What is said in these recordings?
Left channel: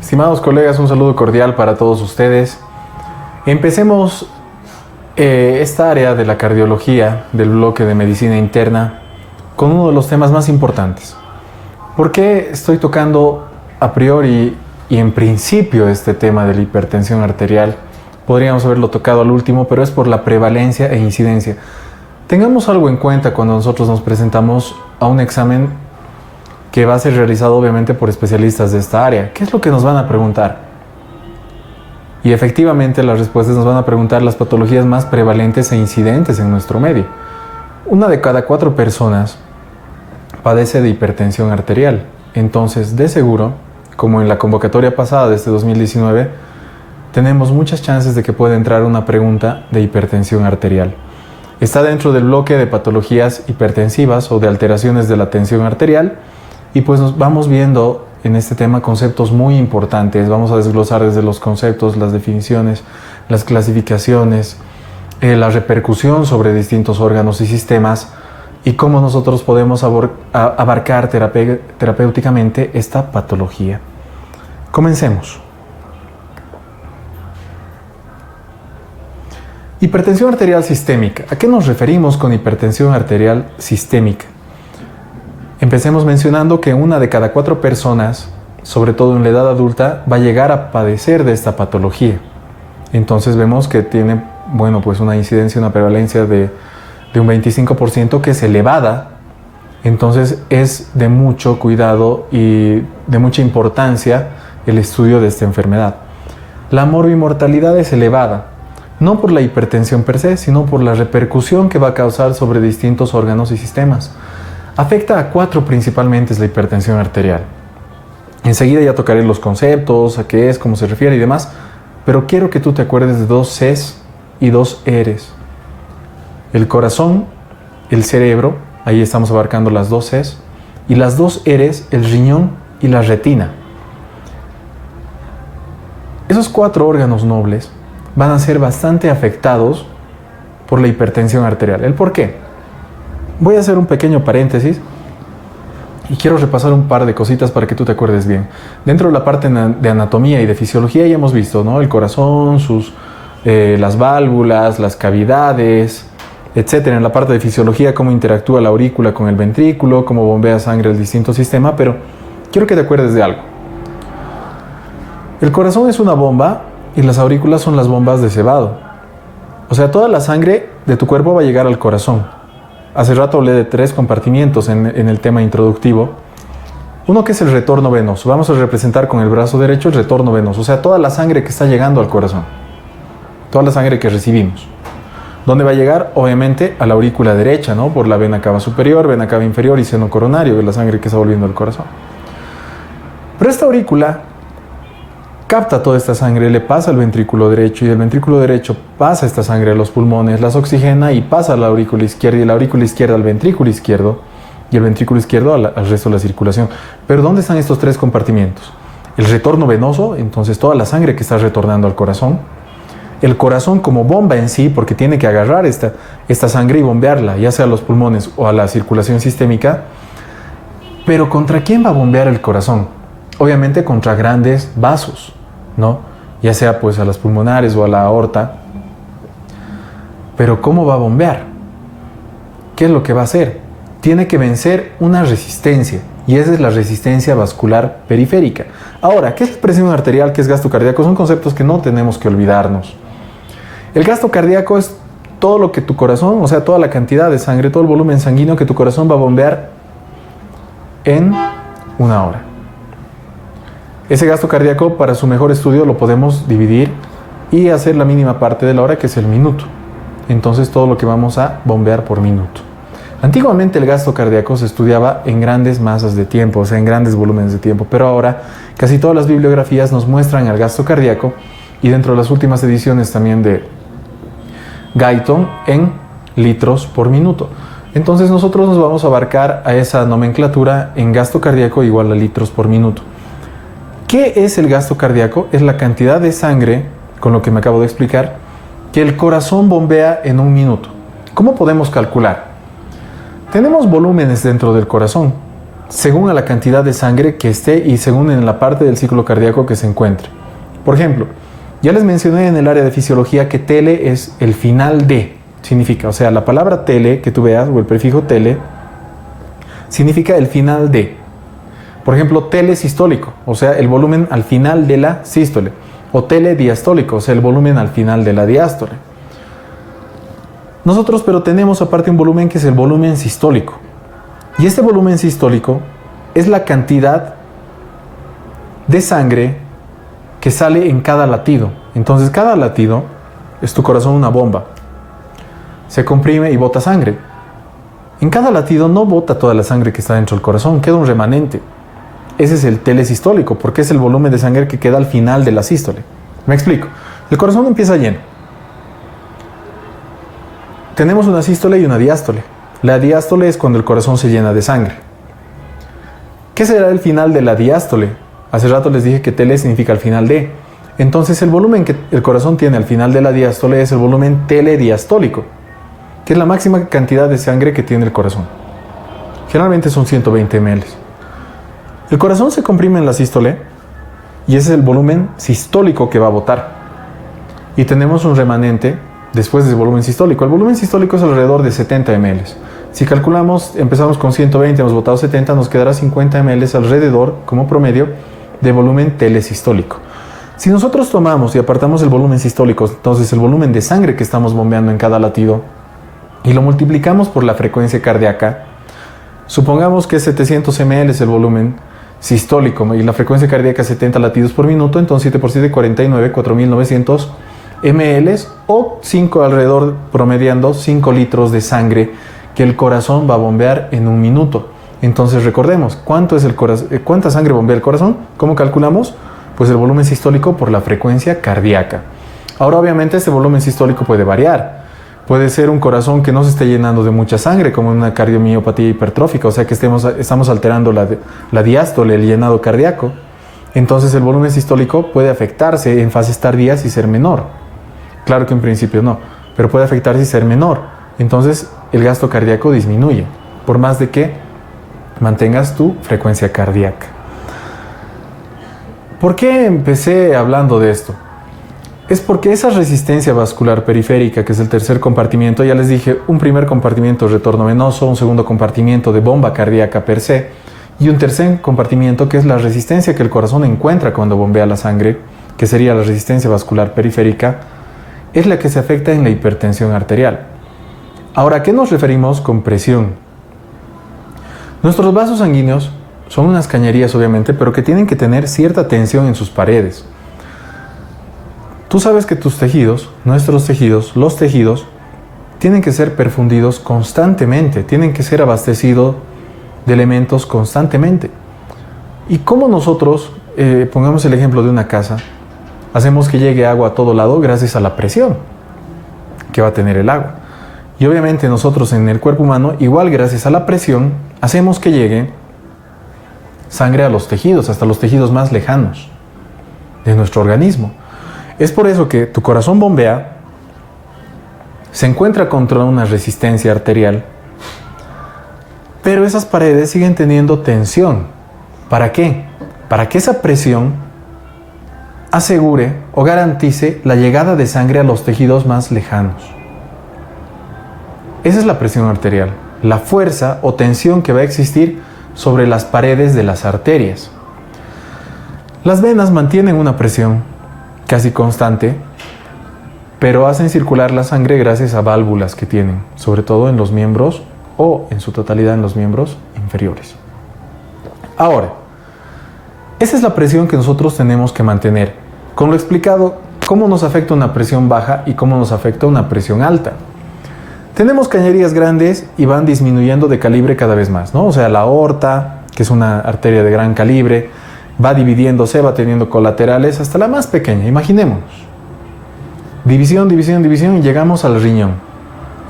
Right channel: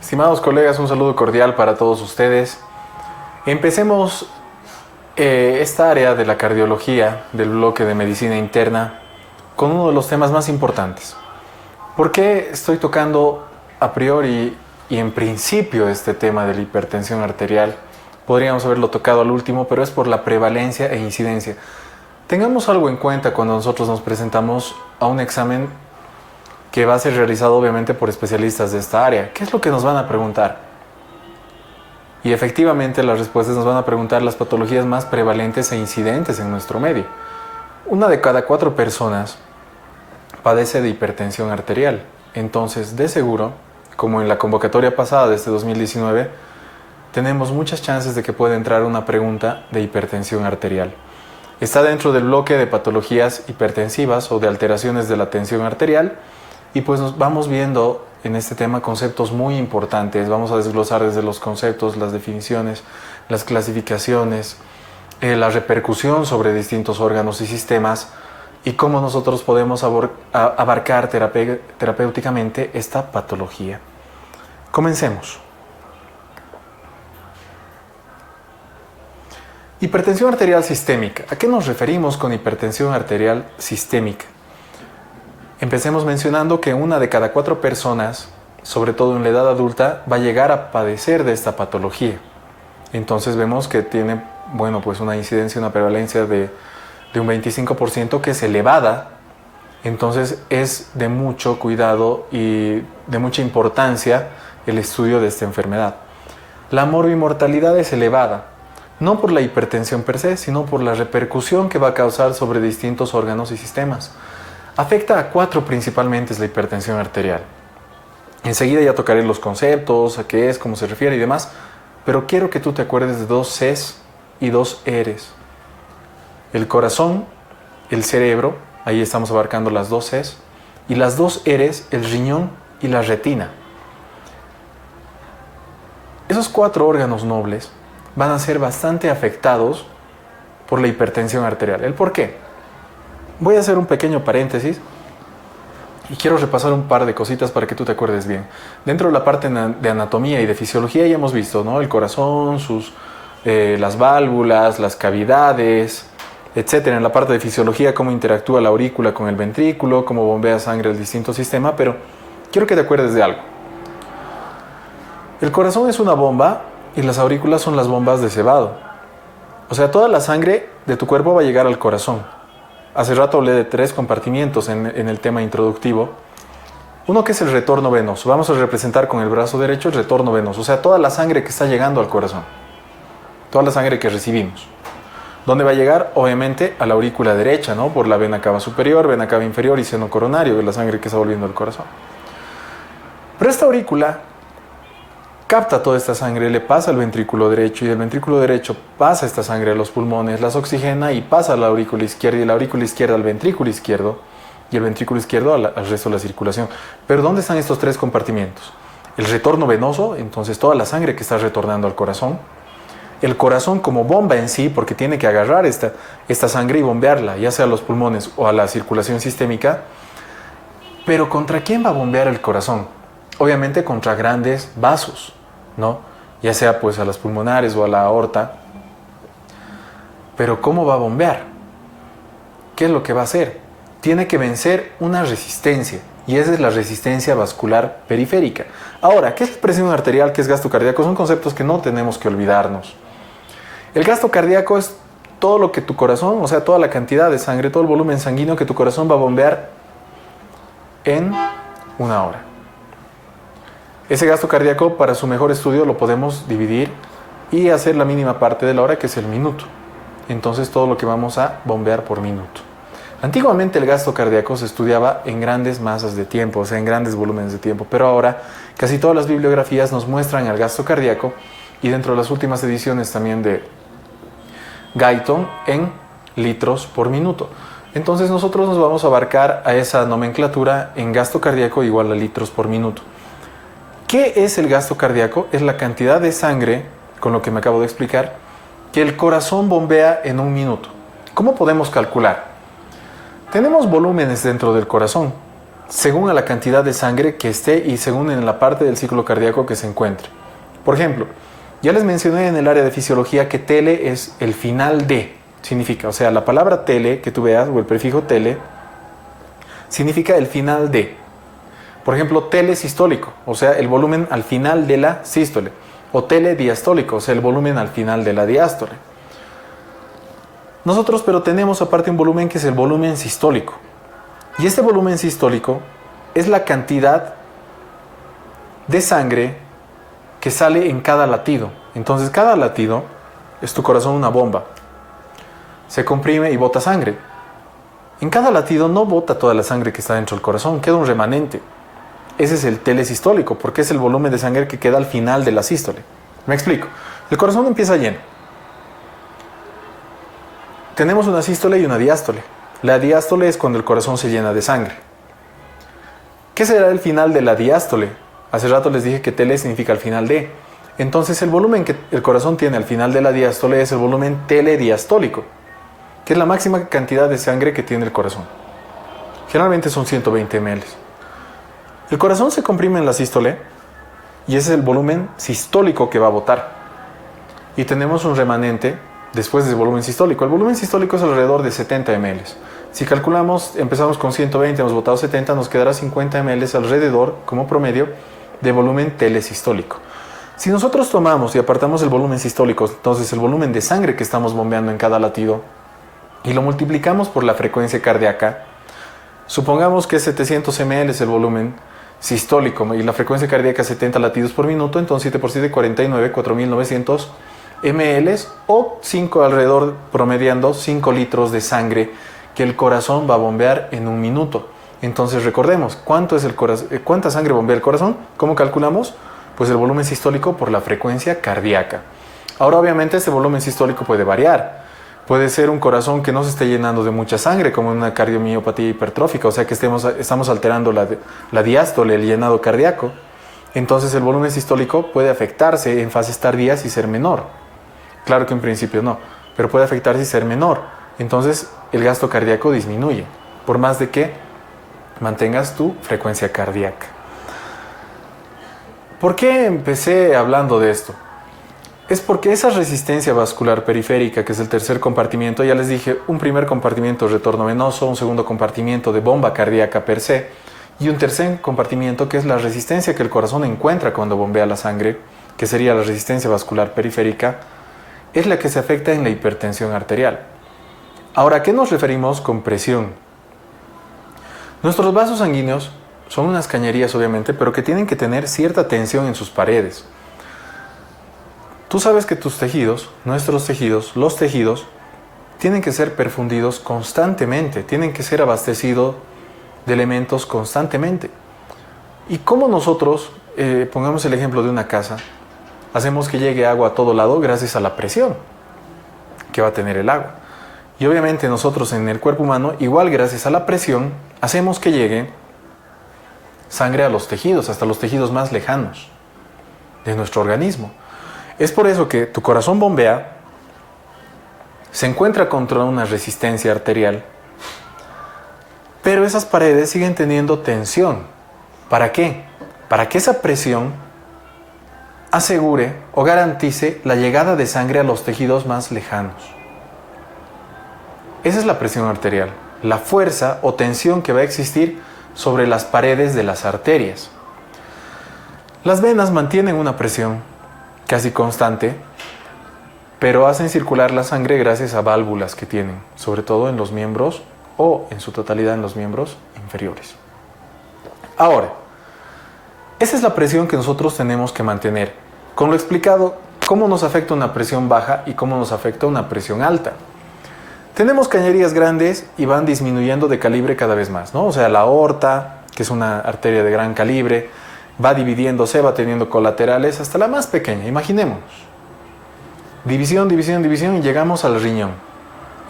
Estimados colegas, un saludo cordial para todos ustedes. Empecemos esta área de la cardiología del bloque de medicina interna con uno de los temas más importantes. ¿Por qué estoy tocando a priori y en principio este tema de la hipertensión arterial? Podríamos haberlo tocado al último, pero es por la prevalencia e incidencia. Tengamos algo en cuenta cuando nosotros nos presentamos a un examen que va a ser realizado obviamente por especialistas de esta área. ¿Qué es lo que nos van a preguntar? Y efectivamente las respuestas nos van a preguntar las patologías más prevalentes e incidentes en nuestro medio. 1 de cada 4 personas padece de hipertensión arterial. Entonces, de seguro, como en la convocatoria pasada de este 2019, tenemos muchas chances de que pueda entrar una pregunta de hipertensión arterial. Está dentro del bloque de patologías hipertensivas o de alteraciones de la tensión arterial. Y pues nos vamos viendo en este tema conceptos muy importantes. Vamos a desglosar desde los conceptos, las definiciones, las clasificaciones, la repercusión sobre distintos órganos y sistemas y cómo nosotros podemos abarcar terapéuticamente esta patología. Comencemos. Hipertensión arterial sistémica. ¿A qué nos referimos con hipertensión arterial sistémica? Empecemos mencionando que 1 de cada 4 personas, sobre todo en la edad adulta, va a llegar a padecer de esta patología. Entonces vemos que tiene, pues una incidencia, una prevalencia de un 25% que es elevada. Entonces es de mucho cuidado y de mucha importancia el estudio de esta enfermedad. La morbimortalidad es elevada, no por la hipertensión per se, sino por la repercusión que va a causar sobre distintos órganos y sistemas. Afecta a 4 principalmente la hipertensión arterial. Enseguida ya tocaré los conceptos, a qué es, cómo se refiere y demás, pero quiero que tú te acuerdes de 2 Cs y 2 Rs. El corazón, el cerebro, ahí estamos abarcando las 2 Cs, y las 2 Rs, el riñón y la retina. Esos 4 órganos nobles van a ser bastante afectados por la hipertensión arterial. ¿El por qué? Voy a hacer un pequeño paréntesis y quiero repasar un par de cositas para que tú te acuerdes bien. Dentro de la parte de anatomía y de fisiología ya hemos visto, ¿no? El corazón, las válvulas, las cavidades, etcétera. En la parte de fisiología, cómo interactúa la aurícula con el ventrículo, cómo bombea sangre el distinto sistema, pero quiero que te acuerdes de algo. El corazón es una bomba y las aurículas son las bombas de cebado. O sea, toda la sangre de tu cuerpo va a llegar al corazón. Hace rato hablé de 3 compartimientos en el tema introductivo. Uno que es el retorno venoso. Vamos a representar con el brazo derecho el retorno venoso. O sea, toda la sangre que está llegando al corazón. Toda la sangre que recibimos. ¿Dónde va a llegar? Obviamente a la aurícula derecha, ¿no? Por la vena cava superior, vena cava inferior y seno coronario de la sangre que está volviendo al corazón. Pero esta aurícula capta toda esta sangre, le pasa al ventrículo derecho y el ventrículo derecho pasa esta sangre a los pulmones, las oxigena y pasa a la aurícula izquierda y la aurícula izquierda al ventrículo izquierdo y el ventrículo izquierdo al resto de la circulación. Pero ¿dónde están estos 3 compartimientos? El retorno venoso, entonces toda la sangre que está retornando al corazón. El corazón como bomba en sí, porque tiene que agarrar esta sangre y bombearla, ya sea a los pulmones o a la circulación sistémica. Pero ¿contra quién va a bombear el corazón? Obviamente contra grandes vasos, ¿no? Ya sea pues a las pulmonares o a la aorta. Pero ¿cómo va a bombear? ¿Qué es lo que va a hacer? Tiene que vencer una resistencia, y esa es la resistencia vascular periférica. Ahora, ¿qué es presión arterial? ¿Qué es gasto cardíaco? Son conceptos que no tenemos que olvidarnos. El gasto cardíaco es todo lo que tu corazón, o sea, toda la cantidad de sangre, todo el volumen sanguíneo que tu corazón va a bombear en 1 hora. Ese gasto cardíaco, para su mejor estudio, lo podemos dividir y hacer la mínima parte de la hora, que es el minuto. Entonces, todo lo que vamos a bombear por minuto. Antiguamente el gasto cardíaco se estudiaba en grandes masas de tiempo, o sea, en grandes volúmenes de tiempo, pero ahora casi todas las bibliografías nos muestran el gasto cardíaco, y dentro de las últimas ediciones también de Guyton, en litros por minuto. Entonces nosotros nos vamos a abarcar a esa nomenclatura en gasto cardíaco igual a litros por minuto. ¿Qué es el gasto cardíaco? Es la cantidad de sangre, con lo que me acabo de explicar, que el corazón bombea en 1 minuto. ¿Cómo podemos calcular? Tenemos volúmenes dentro del corazón. según a la cantidad de sangre que esté y según en la parte del ciclo cardíaco que se encuentre. Por ejemplo, ya les mencioné en el área de fisiología que tele es el final de, significa, o sea, la palabra tele que tú veas, o el prefijo tele, significa el final de. Por ejemplo, telesistólico, o sea, el volumen al final de la sístole, o telediastólico, o sea, el volumen al final de la diástole. Nosotros pero tenemos aparte un volumen que es el volumen sistólico. Y este volumen sistólico es la cantidad de sangre que sale en cada latido. Entonces cada latido es tu corazón una bomba. Se comprime y bota sangre. En cada latido no bota toda la sangre que está dentro del corazón, queda un remanente. Ese es el telesistólico, porque es el volumen de sangre que queda al final de la sístole. Me explico. El corazón empieza lleno. Tenemos una sístole y una diástole. La diástole es cuando el corazón se llena de sangre. ¿Qué será el final de la diástole? Hace rato les dije que tele significa al final de. Entonces el volumen que el corazón tiene al final de la diástole es el volumen telediastólico, que es la máxima cantidad de sangre que tiene el corazón. Generalmente son 120 ml. El corazón se comprime en la sístole y ese es el volumen sistólico que va a botar. Y tenemos un remanente después del volumen sistólico. El volumen sistólico es alrededor de 70 ml. Si calculamos, empezamos con 120, hemos botado 70, nos quedará 50 ml alrededor, como promedio, de volumen telesistólico. Si nosotros tomamos y apartamos el volumen sistólico, entonces el volumen de sangre que estamos bombeando en cada latido, y lo multiplicamos por la frecuencia cardíaca, supongamos que 700 ml es el volumen sistólico y la frecuencia cardíaca 70 latidos por minuto, entonces 7 por 7, 49, 4900 ml o 5 alrededor, promediando 5 litros de sangre que el corazón va a bombear en un minuto. Entonces recordemos, ¿cuánta sangre bombea el corazón? ¿Cómo calculamos? Pues el volumen sistólico por la frecuencia cardíaca. Ahora obviamente este volumen sistólico puede variar. Puede ser un corazón que no se esté llenando de mucha sangre, como una cardiomiopatía hipertrófica, o sea que estamos alterando la diástole, el llenado cardíaco. Entonces el volumen sistólico puede afectarse en fases tardías y ser menor. Claro que en principio no, pero puede afectarse y ser menor. Entonces el gasto cardíaco disminuye, por más de que mantengas tu frecuencia cardíaca. ¿Por qué empecé hablando de esto? Es porque esa resistencia vascular periférica, que es el tercer compartimiento, ya les dije, un primer compartimiento de retorno venoso, un segundo compartimiento de bomba cardíaca per se, y un tercer compartimiento que es la resistencia que el corazón encuentra cuando bombea la sangre, que sería la resistencia vascular periférica, es la que se afecta en la hipertensión arterial. Ahora, ¿a qué nos referimos con presión? Nuestros vasos sanguíneos son unas cañerías, obviamente, pero que tienen que tener cierta tensión en sus paredes. Tú sabes que tus tejidos, nuestros tejidos, los tejidos, tienen que ser perfundidos constantemente, tienen que ser abastecidos de elementos constantemente. ¿Y cómo nosotros, pongamos el ejemplo de una casa, hacemos que llegue agua a todo lado? Gracias a la presión que va a tener el agua. Y obviamente nosotros en el cuerpo humano, igual gracias a la presión, hacemos que llegue sangre a los tejidos, hasta los tejidos más lejanos de nuestro organismo. Es por eso que tu corazón bombea, se encuentra contra una resistencia arterial, pero esas paredes siguen teniendo tensión. ¿Para qué? Para que esa presión asegure o garantice la llegada de sangre a los tejidos más lejanos. Esa es la presión arterial, la fuerza o tensión que va a existir sobre las paredes de las arterias. Las venas mantienen una presión casi constante, pero hacen circular la sangre gracias a válvulas que tienen, sobre todo en los miembros o en su totalidad en los miembros inferiores. Ahora, esa es la presión que nosotros tenemos que mantener. Con lo explicado, cómo nos afecta una presión baja y cómo nos afecta una presión alta. Tenemos cañerías grandes y van disminuyendo de calibre cada vez más, ¿no? O sea, la aorta, que es una arteria de gran calibre, va dividiéndose, va teniendo colaterales hasta la más pequeña, imaginémonos. División, división, división y llegamos al riñón.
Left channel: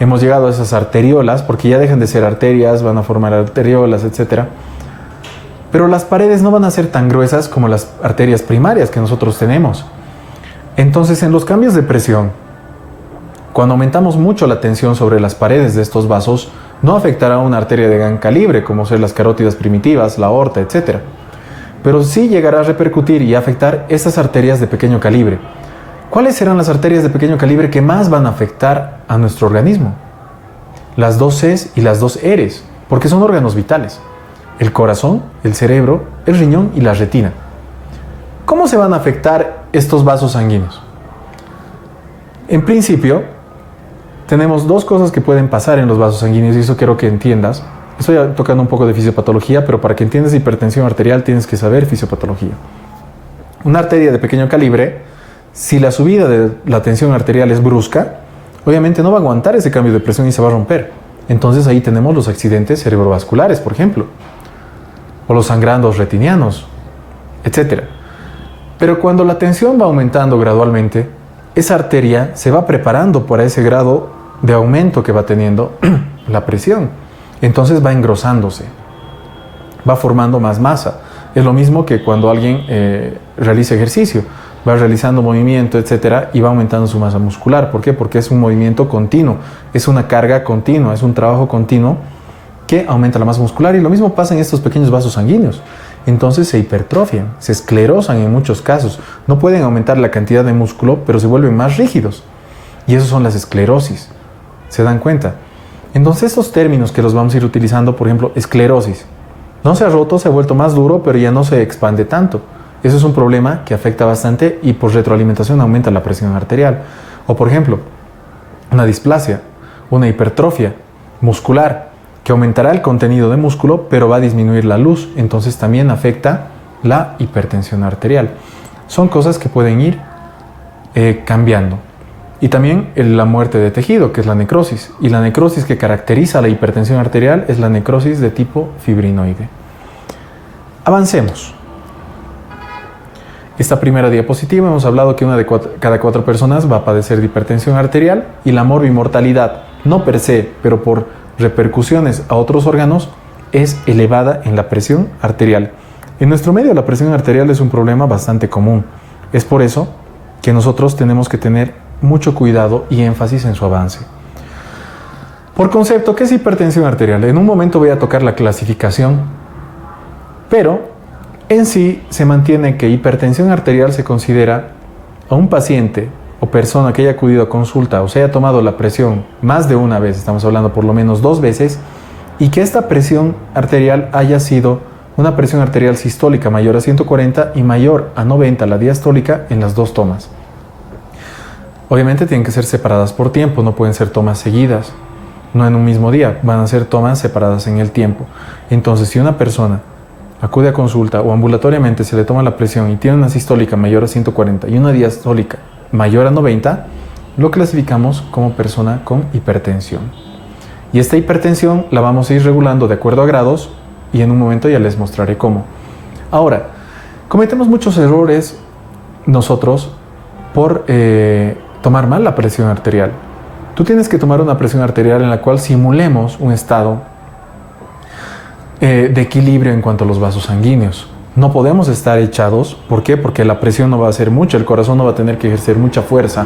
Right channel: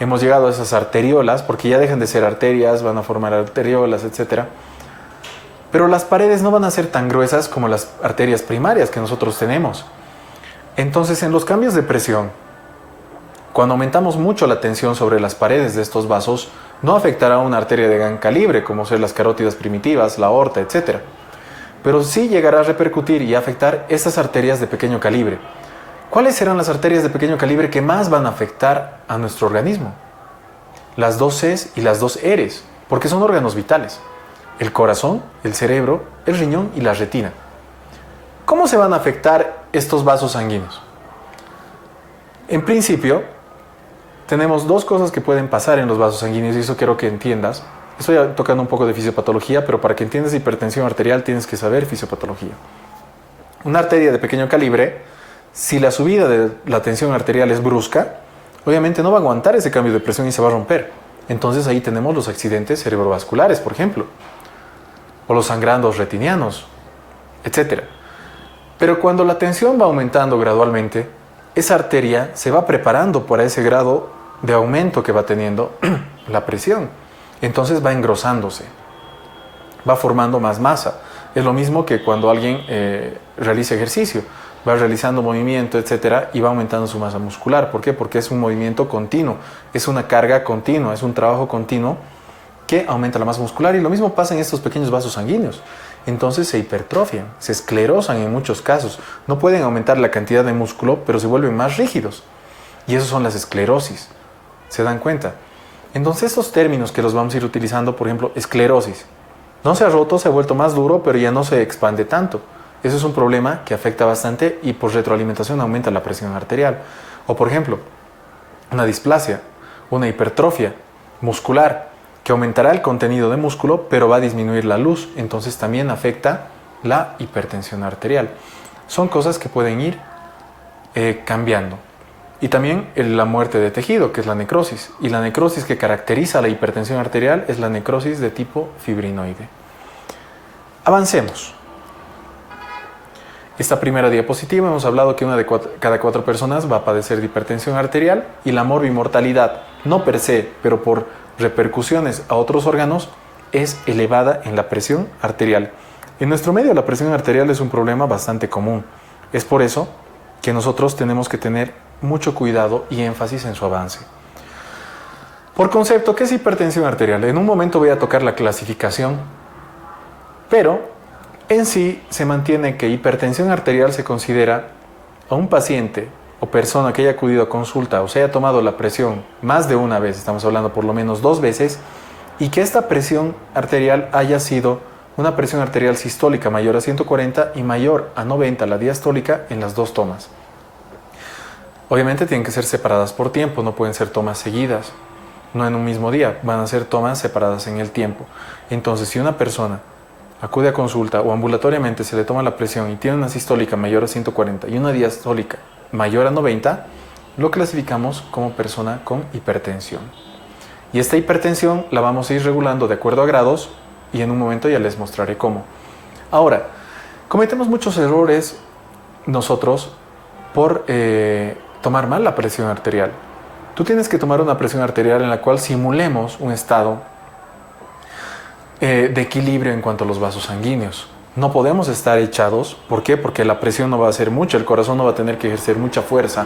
Hemos llegado a esas arteriolas, porque ya dejan de ser arterias, van a formar arteriolas, etc. Pero las paredes no van a ser tan gruesas como las arterias primarias que nosotros tenemos. Entonces, en los cambios de presión, cuando aumentamos mucho la tensión sobre las paredes de estos vasos, No afectará a una arteria de gran calibre, como son las carótidas primitivas, la aorta, etc. Pero sí llegará a repercutir y afectar esas arterias de pequeño calibre. ¿Cuáles serán las arterias de pequeño calibre que más van a afectar a nuestro organismo? Las dos Cs y las dos Rs, porque son órganos vitales. El corazón, el cerebro, el riñón y la retina. ¿Cómo se van a afectar estos vasos sanguíneos? En principio, tenemos dos cosas que pueden pasar en los vasos sanguíneos y eso quiero que entiendas. Estoy tocando un poco de fisiopatología, pero para que entiendas hipertensión arterial tienes que saber fisiopatología. Una arteria de pequeño calibre, si la subida de la tensión arterial es brusca, obviamente no va a aguantar ese cambio de presión y se va a romper. Entonces ahí tenemos los accidentes cerebrovasculares, por ejemplo, o los sangrandos retinianos, etc. Pero cuando la tensión va aumentando gradualmente, esa arteria se va preparando para ese grado de aumento que va teniendo la presión. Entonces va engrosándose, va formando más masa. Es lo mismo que cuando alguien realiza ejercicio, va realizando movimiento, etcétera, y va aumentando su masa muscular. ¿Por qué? Porque es un movimiento continuo, es una carga continua, es un trabajo continuo que aumenta la masa muscular. Y lo mismo pasa en estos pequeños vasos sanguíneos. Entonces se hipertrofian, se esclerosan en muchos casos. No pueden aumentar la cantidad de músculo, pero se vuelven más rígidos. Y eso son las esclerosis. ¿Se dan cuenta? Entonces estos términos que los vamos a ir utilizando, por ejemplo, esclerosis. No se ha roto, se ha vuelto más duro, pero ya no se expande tanto. Eso es un problema que afecta bastante y por retroalimentación aumenta la presión arterial. O por ejemplo, una displasia, una hipertrofia muscular, que aumentará el contenido de músculo, pero va a disminuir la luz, entonces también afecta la hipertensión arterial. Son cosas que pueden ir cambiando. Y también la muerte de tejido, que es la necrosis. Y la necrosis que caracteriza la hipertensión arterial es la necrosis de tipo fibrinoide. Avancemos. Esta primera diapositiva hemos hablado que una de cada 4 personas va a padecer de hipertensión arterial y la morbimortalidad, no per se, pero por repercusiones a otros órganos, es elevada en la presión arterial. En nuestro medio la presión arterial es un problema bastante común. Es por eso que nosotros tenemos que tener mucho cuidado y énfasis en su avance. Por concepto, ¿qué es hipertensión arterial? En un momento voy a tocar la clasificación, pero en sí se mantiene que hipertensión arterial se considera a un paciente o persona que haya acudido a consulta o se haya tomado la presión más de una vez, estamos hablando por lo menos 2 veces, y que esta presión arterial haya sido una presión arterial sistólica mayor a 140 y mayor a 90 la diastólica en las 2 tomas. Obviamente tienen que ser separadas por tiempo, no pueden ser tomas seguidas, no en un mismo día, van a ser tomas separadas en el tiempo. Entonces, si una persona acude a consulta o ambulatoriamente se le toma la presión y tiene una sistólica mayor a 140 y una diastólica mayor a 90, lo clasificamos como persona con hipertensión. Y esta hipertensión la vamos a ir regulando de acuerdo a grados y en un momento ya les mostraré cómo. Ahora, cometemos muchos errores nosotros por tomar mal la presión arterial. Tú tienes que tomar una presión arterial en la cual simulemos un estado de equilibrio en cuanto a los vasos sanguíneos. No podemos estar echados. ¿Por qué? Porque la presión no va a ser mucha, el corazón no va a tener que ejercer mucha fuerza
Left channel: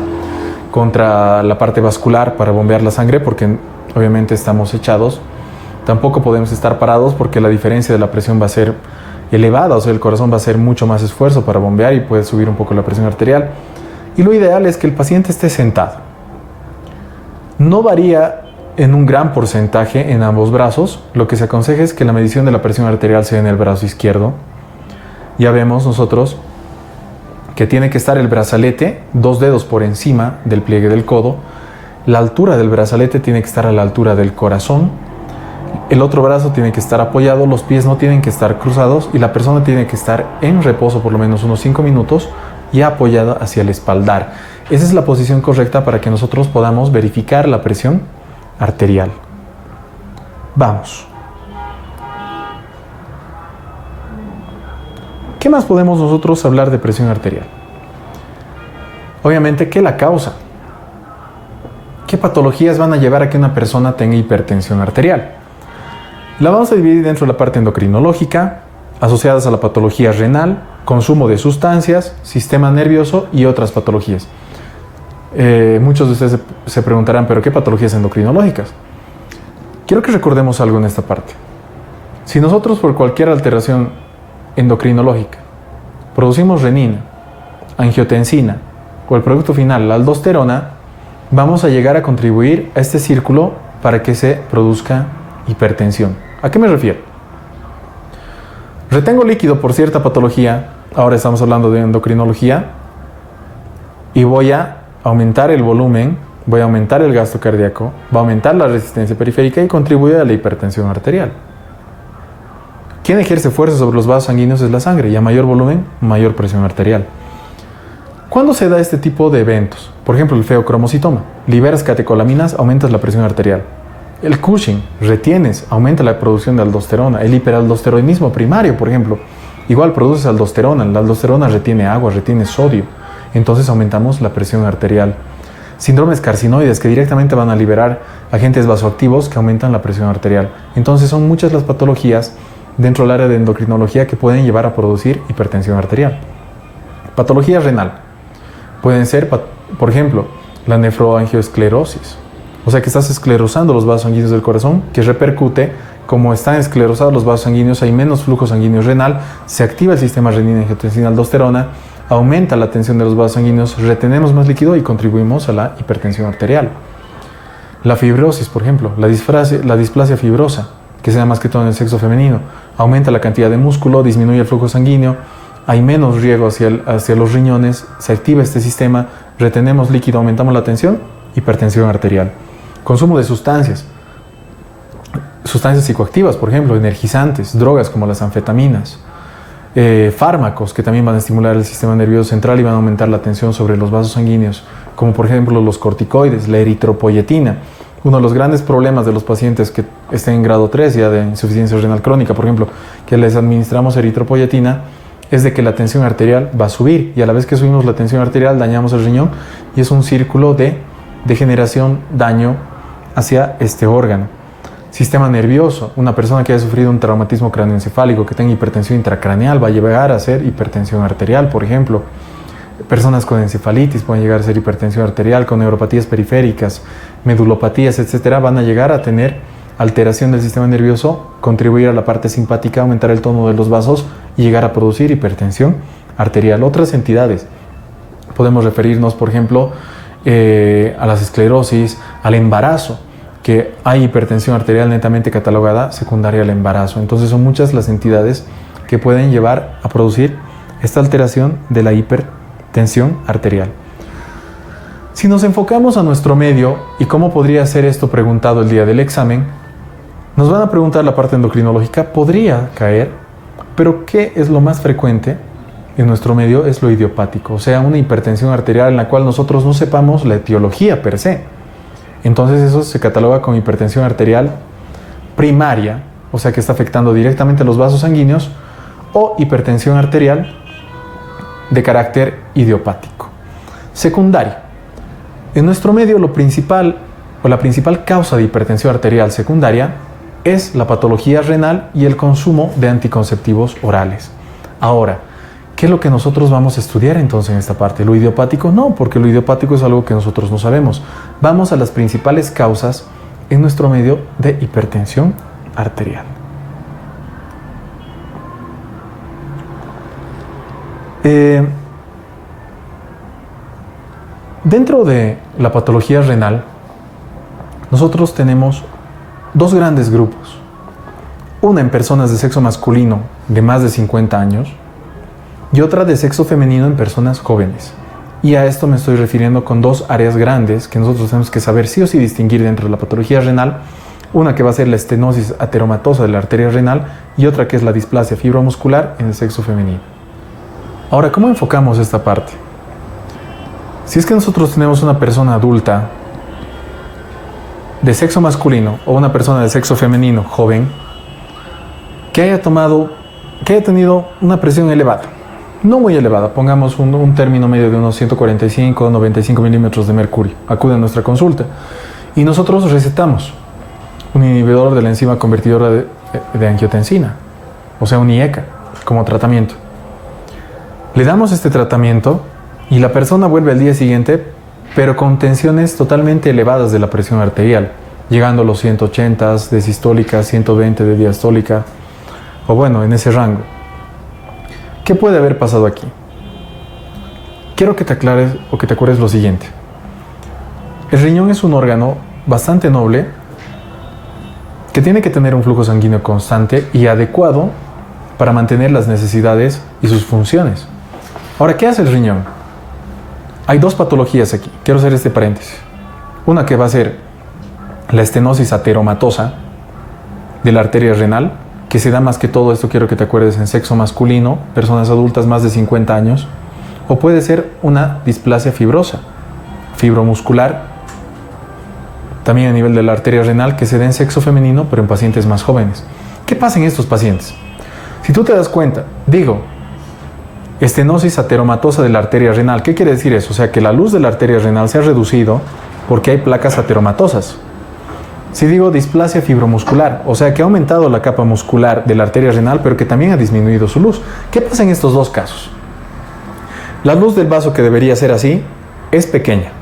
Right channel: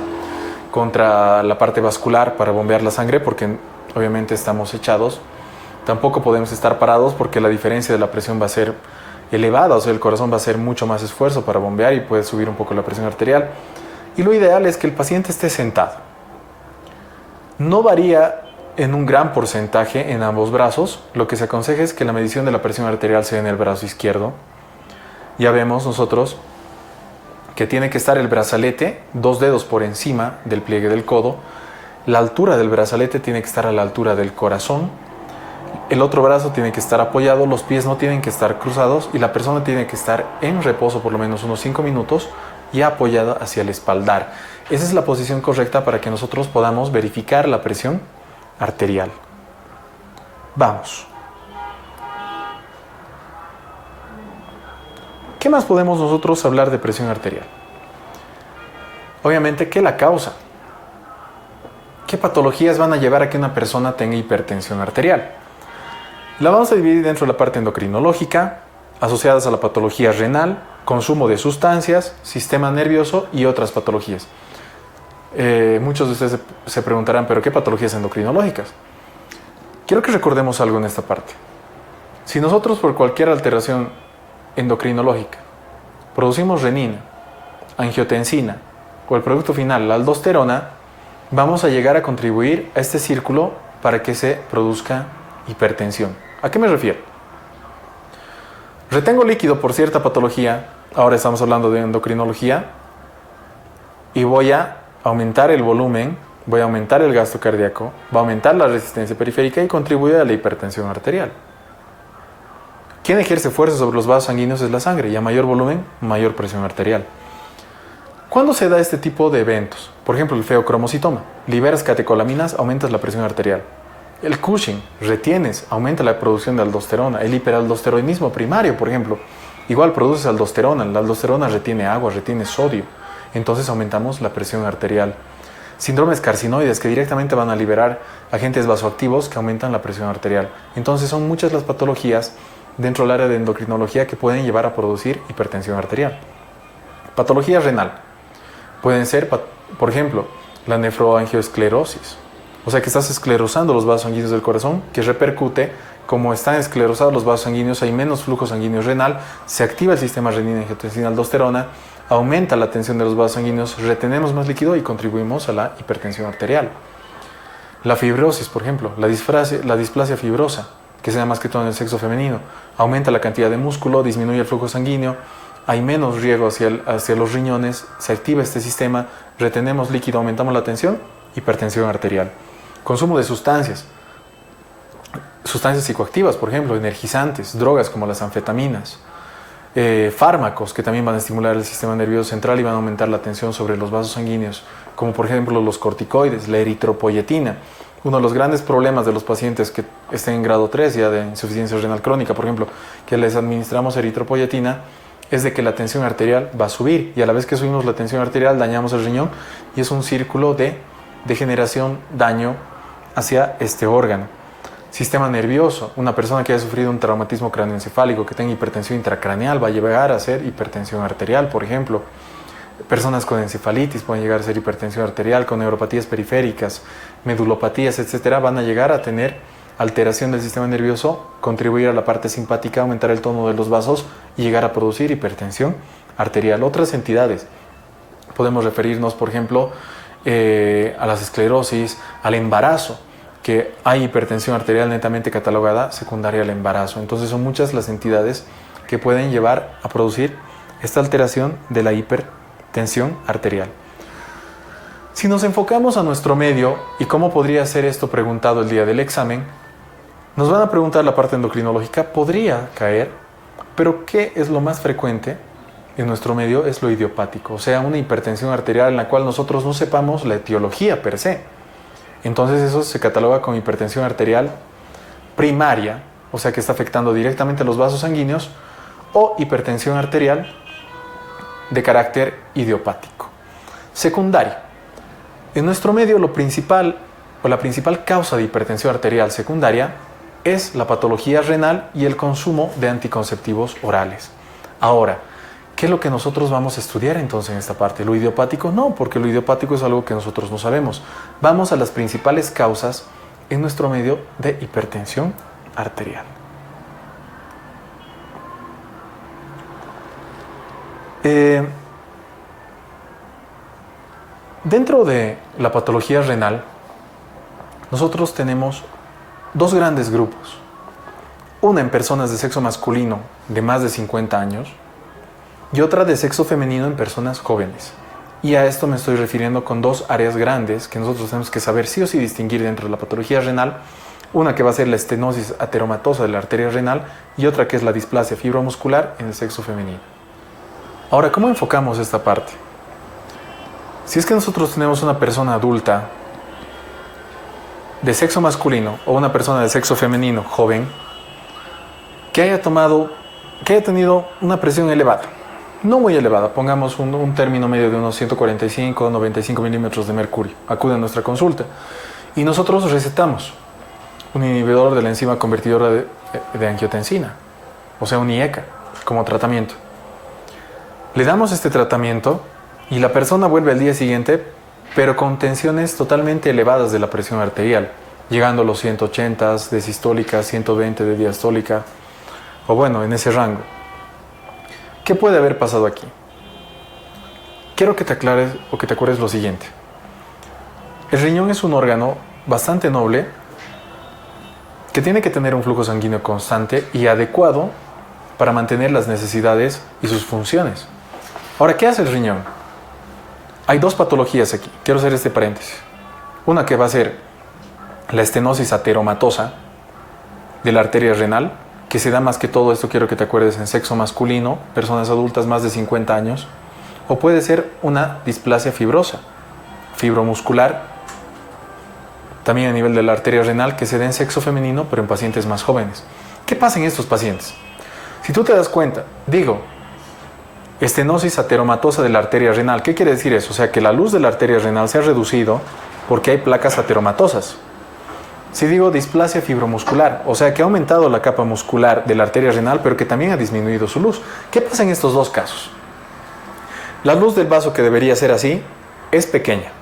contra la parte vascular para bombear la sangre, porque obviamente estamos echados. Tampoco podemos estar parados porque la diferencia de la presión va a ser elevada, o sea, el corazón va a hacer mucho más esfuerzo para bombear y puede subir un poco la presión arterial. Y lo ideal es que el paciente esté sentado. No varía en un gran porcentaje en ambos brazos. Lo que se aconseja es que la medición de la presión arterial sea en el brazo izquierdo. Ya vemos nosotros que tiene que estar el brazalete 2 dedos por encima del pliegue del codo. La altura del brazalete tiene que estar a la altura del corazón. El otro brazo tiene que estar apoyado, los pies no tienen que estar cruzados y la persona tiene que estar en reposo por lo menos unos 5 minutos y apoyada hacia el espaldar. Esa es la posición correcta para que nosotros podamos verificar la presión arterial. Vamos. ¿Qué más podemos nosotros hablar de presión arterial? Obviamente, ¿qué la causa? ¿Qué patologías van a llevar a que una persona tenga hipertensión arterial? La vamos a dividir dentro de la parte endocrinológica, asociadas a la patología renal, consumo de sustancias, sistema nervioso y otras patologías. Muchos de ustedes se preguntarán, ¿pero qué patologías endocrinológicas? quiero que recordemos algo en esta parte. Si nosotros por cualquier alteración endocrinológica producimos renina, angiotensina o el producto final, la aldosterona, vamos a llegar a contribuir a este círculo para que se produzca hipertensión. ¿A qué me refiero? Retengo líquido por cierta patología, ahora estamos hablando de endocrinología, y voy a aumentar el volumen, voy a aumentar el gasto cardíaco, va a aumentar la resistencia periférica y contribuye a la hipertensión arterial. Quien ejerce fuerza sobre los vasos sanguíneos es la sangre, y a mayor volumen, mayor presión arterial. ¿Cuándo se da este tipo de eventos? Por ejemplo, el feocromocitoma. Liberas catecolaminas, aumentas la presión arterial. El Cushing, retienes, aumenta la producción de aldosterona. El hiperaldosteronismo primario, por ejemplo, igual produce aldosterona. La aldosterona retiene agua, retiene sodio. Entonces aumentamos la presión arterial. Síndromes carcinoides que directamente van a liberar agentes vasoactivos que aumentan la presión arterial. Entonces son muchas las patologías dentro del área de endocrinología que pueden llevar a producir hipertensión arterial. Patología renal. Pueden ser, por ejemplo, la nefroangioesclerosis. O sea que estás esclerosando los vasos sanguíneos del corazón, que repercute, como están esclerosados los vasos sanguíneos, hay menos flujo sanguíneo renal, se activa el sistema renina, angiotensina, aldosterona, aumenta la tensión de los vasos sanguíneos, retenemos más líquido y contribuimos a la hipertensión arterial. La fibrosis, por ejemplo, la displasia fibrosa, que se da más que todo en el sexo femenino, aumenta la cantidad de músculo, disminuye el flujo sanguíneo, hay menos riego hacia los riñones, se activa este sistema, retenemos líquido, aumentamos la tensión, hipertensión arterial. Consumo de sustancias psicoactivas, por ejemplo, energizantes, drogas como las anfetaminas, fármacos que también van a estimular el sistema nervioso central y van a aumentar la tensión sobre los vasos sanguíneos, como por ejemplo los corticoides, la eritropoyetina. Uno de los grandes problemas de los pacientes que estén en grado 3 ya de insuficiencia renal crónica, por ejemplo, que les administramos eritropoyetina, es de que la tensión arterial va a subir, y a la vez que subimos la tensión arterial dañamos el riñón, y es un círculo de degeneración, daño hacia este órgano. Sistema nervioso. Una persona que haya sufrido un traumatismo cráneoencefálico, que tenga hipertensión intracraneal, va a llegar a ser hipertensión arterial, por ejemplo. Personas con encefalitis pueden llegar a ser hipertensión arterial, con neuropatías periféricas, medulopatías, etcétera, van a llegar a tener alteración del sistema nervioso, contribuir a la parte simpática, aumentar el tono de los vasos y llegar a producir hipertensión arterial. Otras entidades, podemos referirnos, por ejemplo, a las esclerosis, al embarazo, que hay hipertensión arterial netamente catalogada secundaria al embarazo. Entonces son muchas las entidades que pueden llevar a producir esta alteración de la hipertensión arterial. Si nos enfocamos a nuestro medio y cómo podría ser esto preguntado el día del examen, nos van a preguntar la parte endocrinológica, podría caer, pero ¿qué es lo más frecuente en nuestro medio? Es lo idiopático, o sea, una hipertensión arterial en la cual nosotros no sepamos la etiología per se. Entonces eso se cataloga como hipertensión arterial primaria, o sea que está afectando directamente los vasos sanguíneos, o hipertensión arterial de carácter idiopático. Secundaria. En nuestro medio la principal causa de hipertensión arterial secundaria es la patología renal y el consumo de anticonceptivos orales. Ahora, ¿qué es lo que nosotros vamos a estudiar entonces en esta parte? ¿Lo idiopático? No, porque lo idiopático es algo que nosotros no sabemos. Vamos a las principales causas en nuestro medio de hipertensión arterial. Dentro de la patología renal, nosotros tenemos dos grandes grupos. Una en personas de sexo masculino de más de 50 años y otra de sexo femenino en personas jóvenes. Y a esto me estoy refiriendo con dos áreas grandes que nosotros tenemos que saber sí o sí distinguir dentro de la patología renal. Una que va a ser la estenosis ateromatosa de la arteria renal y otra que es la displasia fibromuscular en el sexo femenino. Ahora, ¿cómo enfocamos esta parte? Si es que nosotros tenemos una persona adulta de sexo masculino o una persona de sexo femenino joven que haya tenido una presión elevada, no muy elevada, pongamos un término medio de unos 145 o 95 milímetros de mercurio, acude a nuestra consulta y nosotros recetamos un inhibidor de la enzima convertidora de angiotensina, o sea un IECA, como tratamiento. Le damos este tratamiento y la persona vuelve al día siguiente, pero con tensiones totalmente elevadas de la presión arterial. llegando a los 180 de sistólica, 120 de diastólica, o bueno, en ese rango. ¿Qué puede haber pasado aquí? Quiero que te aclares o que te acuerdes lo siguiente. El riñón es un órgano bastante noble que tiene que tener un flujo sanguíneo constante y adecuado para mantener las necesidades y sus funciones. Ahora, ¿qué hace el riñón? Hay dos patologías aquí. Quiero hacer este paréntesis. Una que va a ser la estenosis ateromatosa de la arteria renal, que se da más que todo, esto quiero que te acuerdes, en sexo masculino, personas adultas más de 50 años, o puede ser una displasia fibrosa, fibromuscular, también a nivel de la arteria renal, que se da en sexo femenino, pero en pacientes más jóvenes. ¿Qué pasa en estos pacientes? Si tú te das cuenta, digo, estenosis ateromatosa de la arteria renal, ¿qué quiere decir eso? O sea, que la luz de la arteria renal se ha reducido porque hay placas ateromatosas. Si digo displasia fibromuscular, o sea, que ha aumentado la capa muscular de la arteria renal, pero que también ha disminuido su luz. ¿Qué pasa en estos dos casos? La luz del vaso, que debería ser así, es pequeña.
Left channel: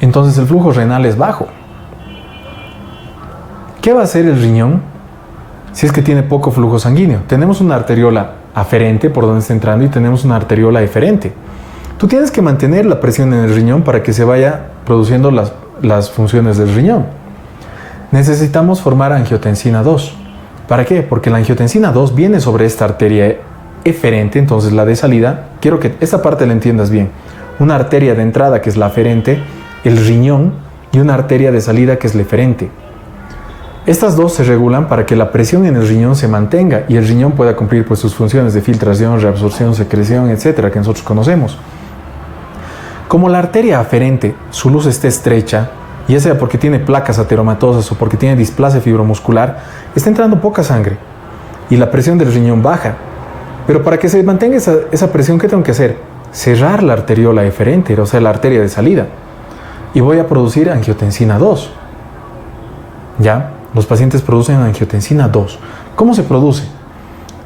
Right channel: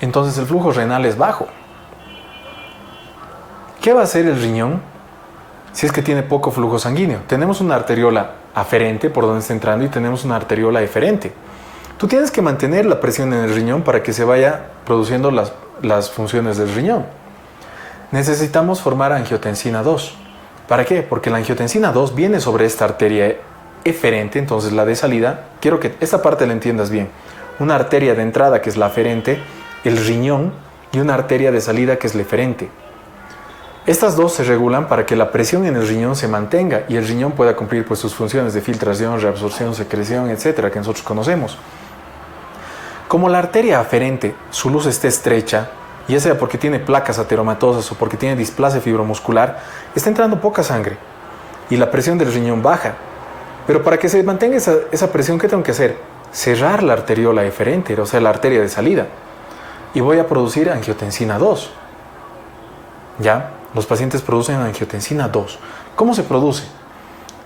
Entonces el flujo renal es bajo. ¿Qué va a hacer el riñón si es que tiene poco flujo sanguíneo? Tenemos una arteriola aferente por donde está entrando y tenemos una arteriola eferente. Tú tienes que mantener la presión en el riñón para que se vaya produciendo las funciones del riñón. Necesitamos formar angiotensina 2. ¿Para qué? Porque la angiotensina 2 viene sobre esta arteria eferente, entonces la de salida, quiero que esta parte la entiendas bien. Una arteria de entrada, que es la aferente, el riñón, y una arteria de salida, que es la eferente. Estas dos se regulan para que la presión en el riñón se mantenga y el riñón pueda cumplir pues sus funciones de filtración, reabsorción, secreción, etcétera, que nosotros conocemos. Como la arteria aferente, su luz está estrecha, ya sea porque tiene placas ateromatosas o porque tiene displasia fibromuscular, está entrando poca sangre y la presión del riñón baja. Pero para que se mantenga esa presión, ¿qué tengo que hacer? Cerrar la arteriola eferente, o sea, la arteria de salida. Y voy a producir angiotensina 2. ¿Ya? Los pacientes producen angiotensina 2. ¿Cómo se produce?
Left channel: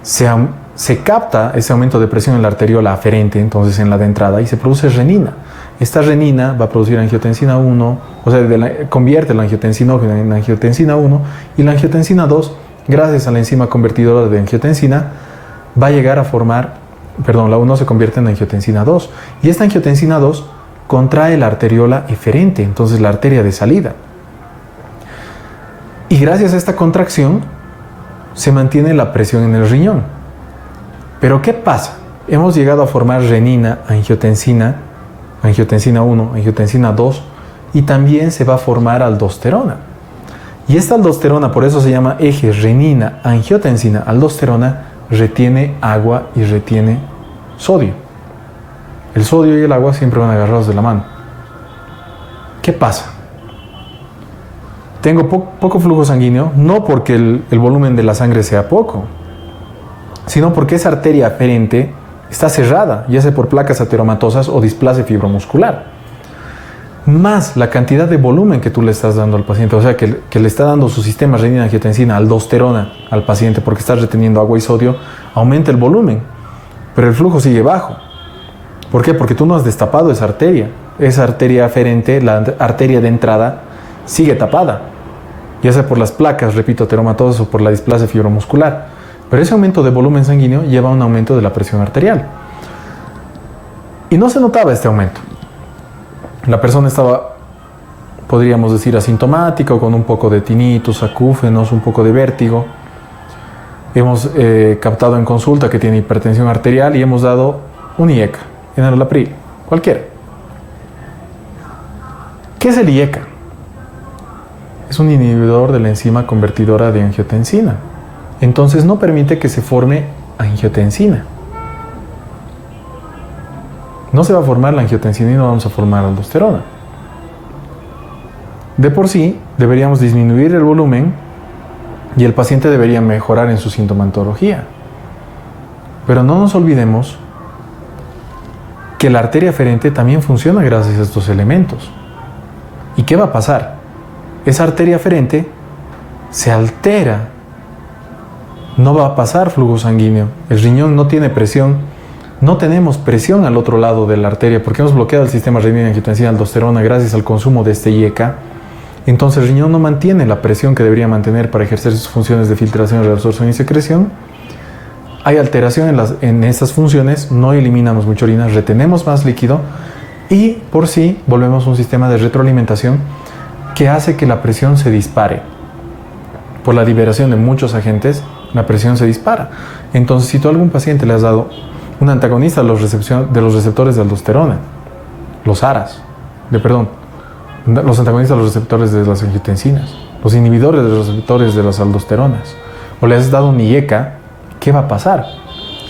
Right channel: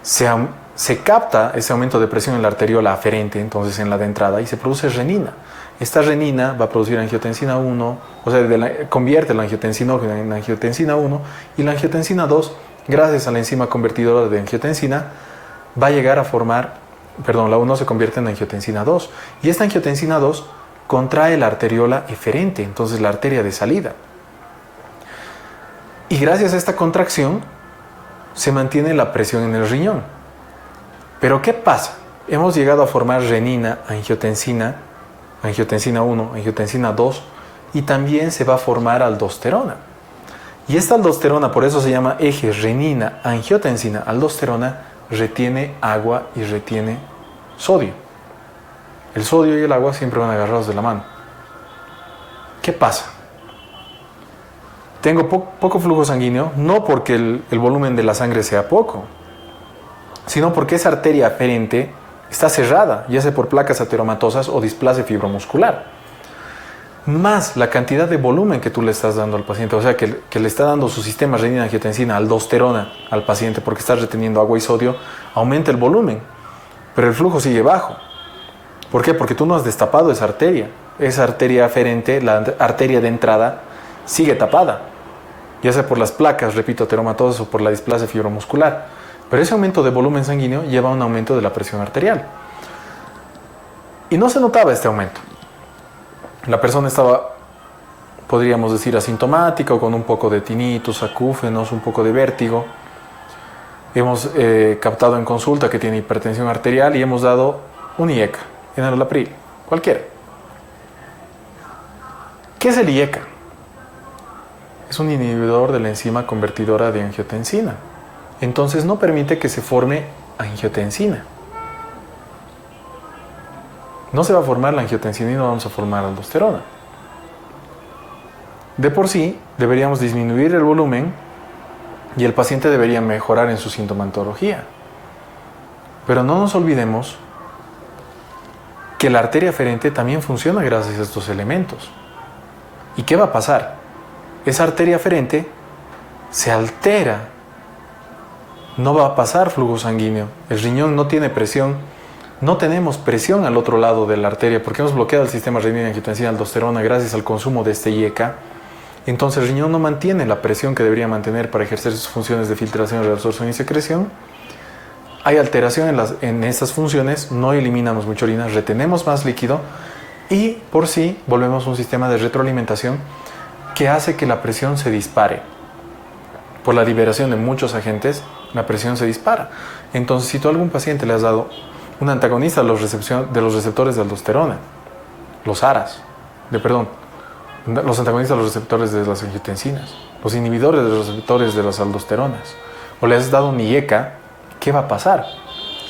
Se capta ese aumento de presión en la arteriola aferente, entonces en la de entrada, y se produce renina. Esta renina va a producir angiotensina 1, o sea, convierte la angiotensinógena en angiotensina 1, y la angiotensina 2, gracias a la enzima convertidora de angiotensina, va a llegar a formar, la 1 se convierte en angiotensina 2, y esta angiotensina 2 contrae la arteriola eferente, entonces la arteria de salida. Y gracias a esta contracción se mantiene la presión en el riñón. Pero ¿qué pasa? Hemos llegado a formar renina, angiotensina 1, angiotensina 2, y también se va a formar aldosterona. Y esta aldosterona, por eso se llama eje renina, angiotensina, aldosterona, retiene agua y retiene sodio. El sodio y el agua siempre van agarrados de la mano. ¿Qué pasa? Tengo poco flujo sanguíneo, no porque el volumen de la sangre sea poco, sino porque esa arteria aferente está cerrada, ya sea por placas ateromatosas o displasia fibromuscular. Más la cantidad de volumen que tú le estás dando al paciente, o sea, que le está dando su sistema renina, angiotensina, aldosterona al paciente porque está reteniendo agua y sodio, aumenta el volumen, pero el flujo sigue bajo. ¿Por qué? Porque tú no has destapado esa arteria aferente, la arteria de entrada, sigue tapada, ya sea por las placas, repito, ateromatosas o por la displasia fibromuscular. Pero ese aumento de volumen sanguíneo lleva a un aumento de la presión arterial. Y no se notaba este aumento. La persona estaba, podríamos decir, asintomática o con un poco de tinnitus, acúfenos, un poco de vértigo. Hemos captado en consulta que tiene hipertensión arterial y hemos dado un IECA, enalapril, cualquiera. ¿Qué es el IECA? Es un inhibidor de la enzima convertidora de angiotensina. Entonces no permite que se forme angiotensina. No se va a formar la angiotensina y no vamos a formar aldosterona. De por sí, deberíamos disminuir el volumen y el paciente debería mejorar en su sintomatología. Pero no nos olvidemos que la arteria aferente también funciona gracias a estos elementos. ¿Y qué va a pasar? Esa arteria aferente se altera. No va a pasar flujo sanguíneo. El riñón no tiene presión. No tenemos presión al otro lado de la arteria porque hemos bloqueado el sistema renina, angiotensina, aldosterona gracias al consumo de este IECA. Entonces el riñón no mantiene la presión que debería mantener para ejercer sus funciones de filtración, reabsorción y secreción. Hay alteración en estas funciones, no eliminamos mucha orina, retenemos más líquido y por sí volvemos a un sistema de retroalimentación que hace que la presión se dispare. Por la liberación de muchos agentes, la presión se dispara. Entonces, si tú a algún paciente le has dado un antagonista de los receptores de aldosterona, los antagonistas de los receptores de las angiotensinas, los inhibidores de los receptores de las aldosteronas, o le has dado un IECA, ¿qué va a pasar?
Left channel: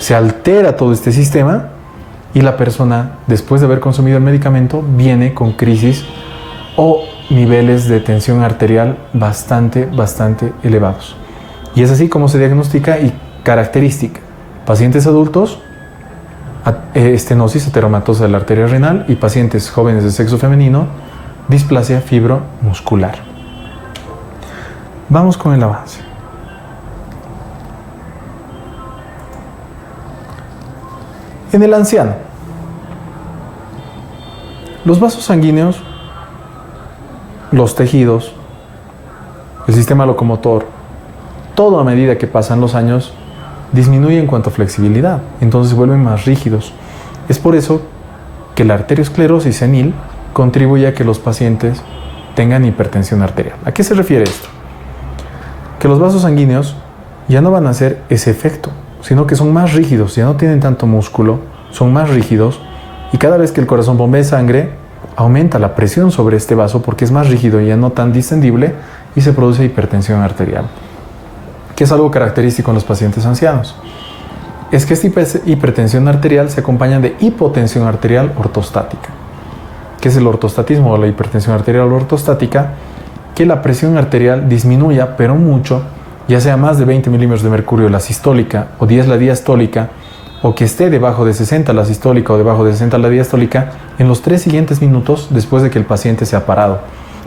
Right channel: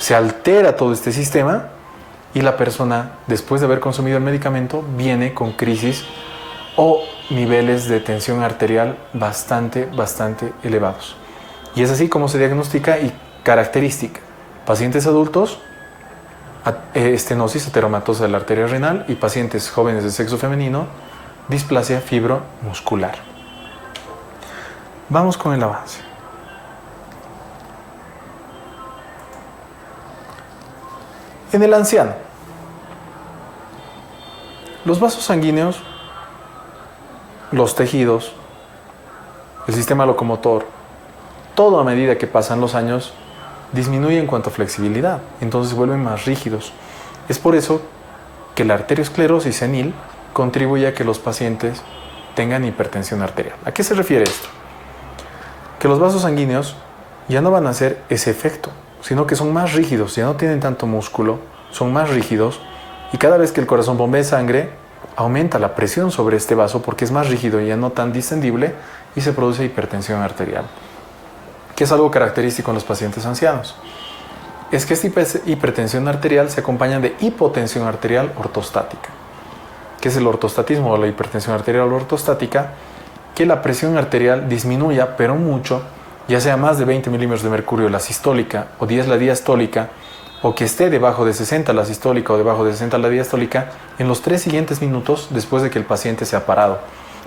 Se altera todo este sistema y la persona, después de haber consumido el medicamento, viene con crisis o niveles de tensión arterial bastante elevados. Y es así como se diagnostica y característica. Pacientes adultos, estenosis heteromatosa de la arteria renal, y pacientes jóvenes de sexo femenino, displasia fibromuscular. Vamos con el avance. En el anciano, los vasos sanguíneos, los tejidos, el sistema locomotor, todo a medida que pasan los años disminuye en cuanto a flexibilidad, entonces se vuelven más rígidos. Es por eso que la arteriosclerosis senil contribuye a que los pacientes tengan hipertensión arterial. ¿A qué se refiere esto? Que los vasos sanguíneos ya no van a hacer ese efecto, sino que son más rígidos, ya no tienen tanto músculo, son más rígidos, y cada vez que el corazón bombea sangre, aumenta la presión sobre este vaso porque es más rígido y ya no tan distendible, y se produce hipertensión arterial, que es algo característico en los pacientes ancianos. Es que esta hipertensión arterial se acompaña de hipotensión arterial ortostática. ¿Qué es el ortostatismo o la hipertensión arterial ortostática? Que la presión arterial disminuya, pero mucho, ya sea más de 20 milímetros de mercurio la sistólica o 10 la diastólica, o que esté debajo de 60 la sistólica o debajo de 60 la diastólica, en los 3 siguientes minutos después de que el paciente se ha parado.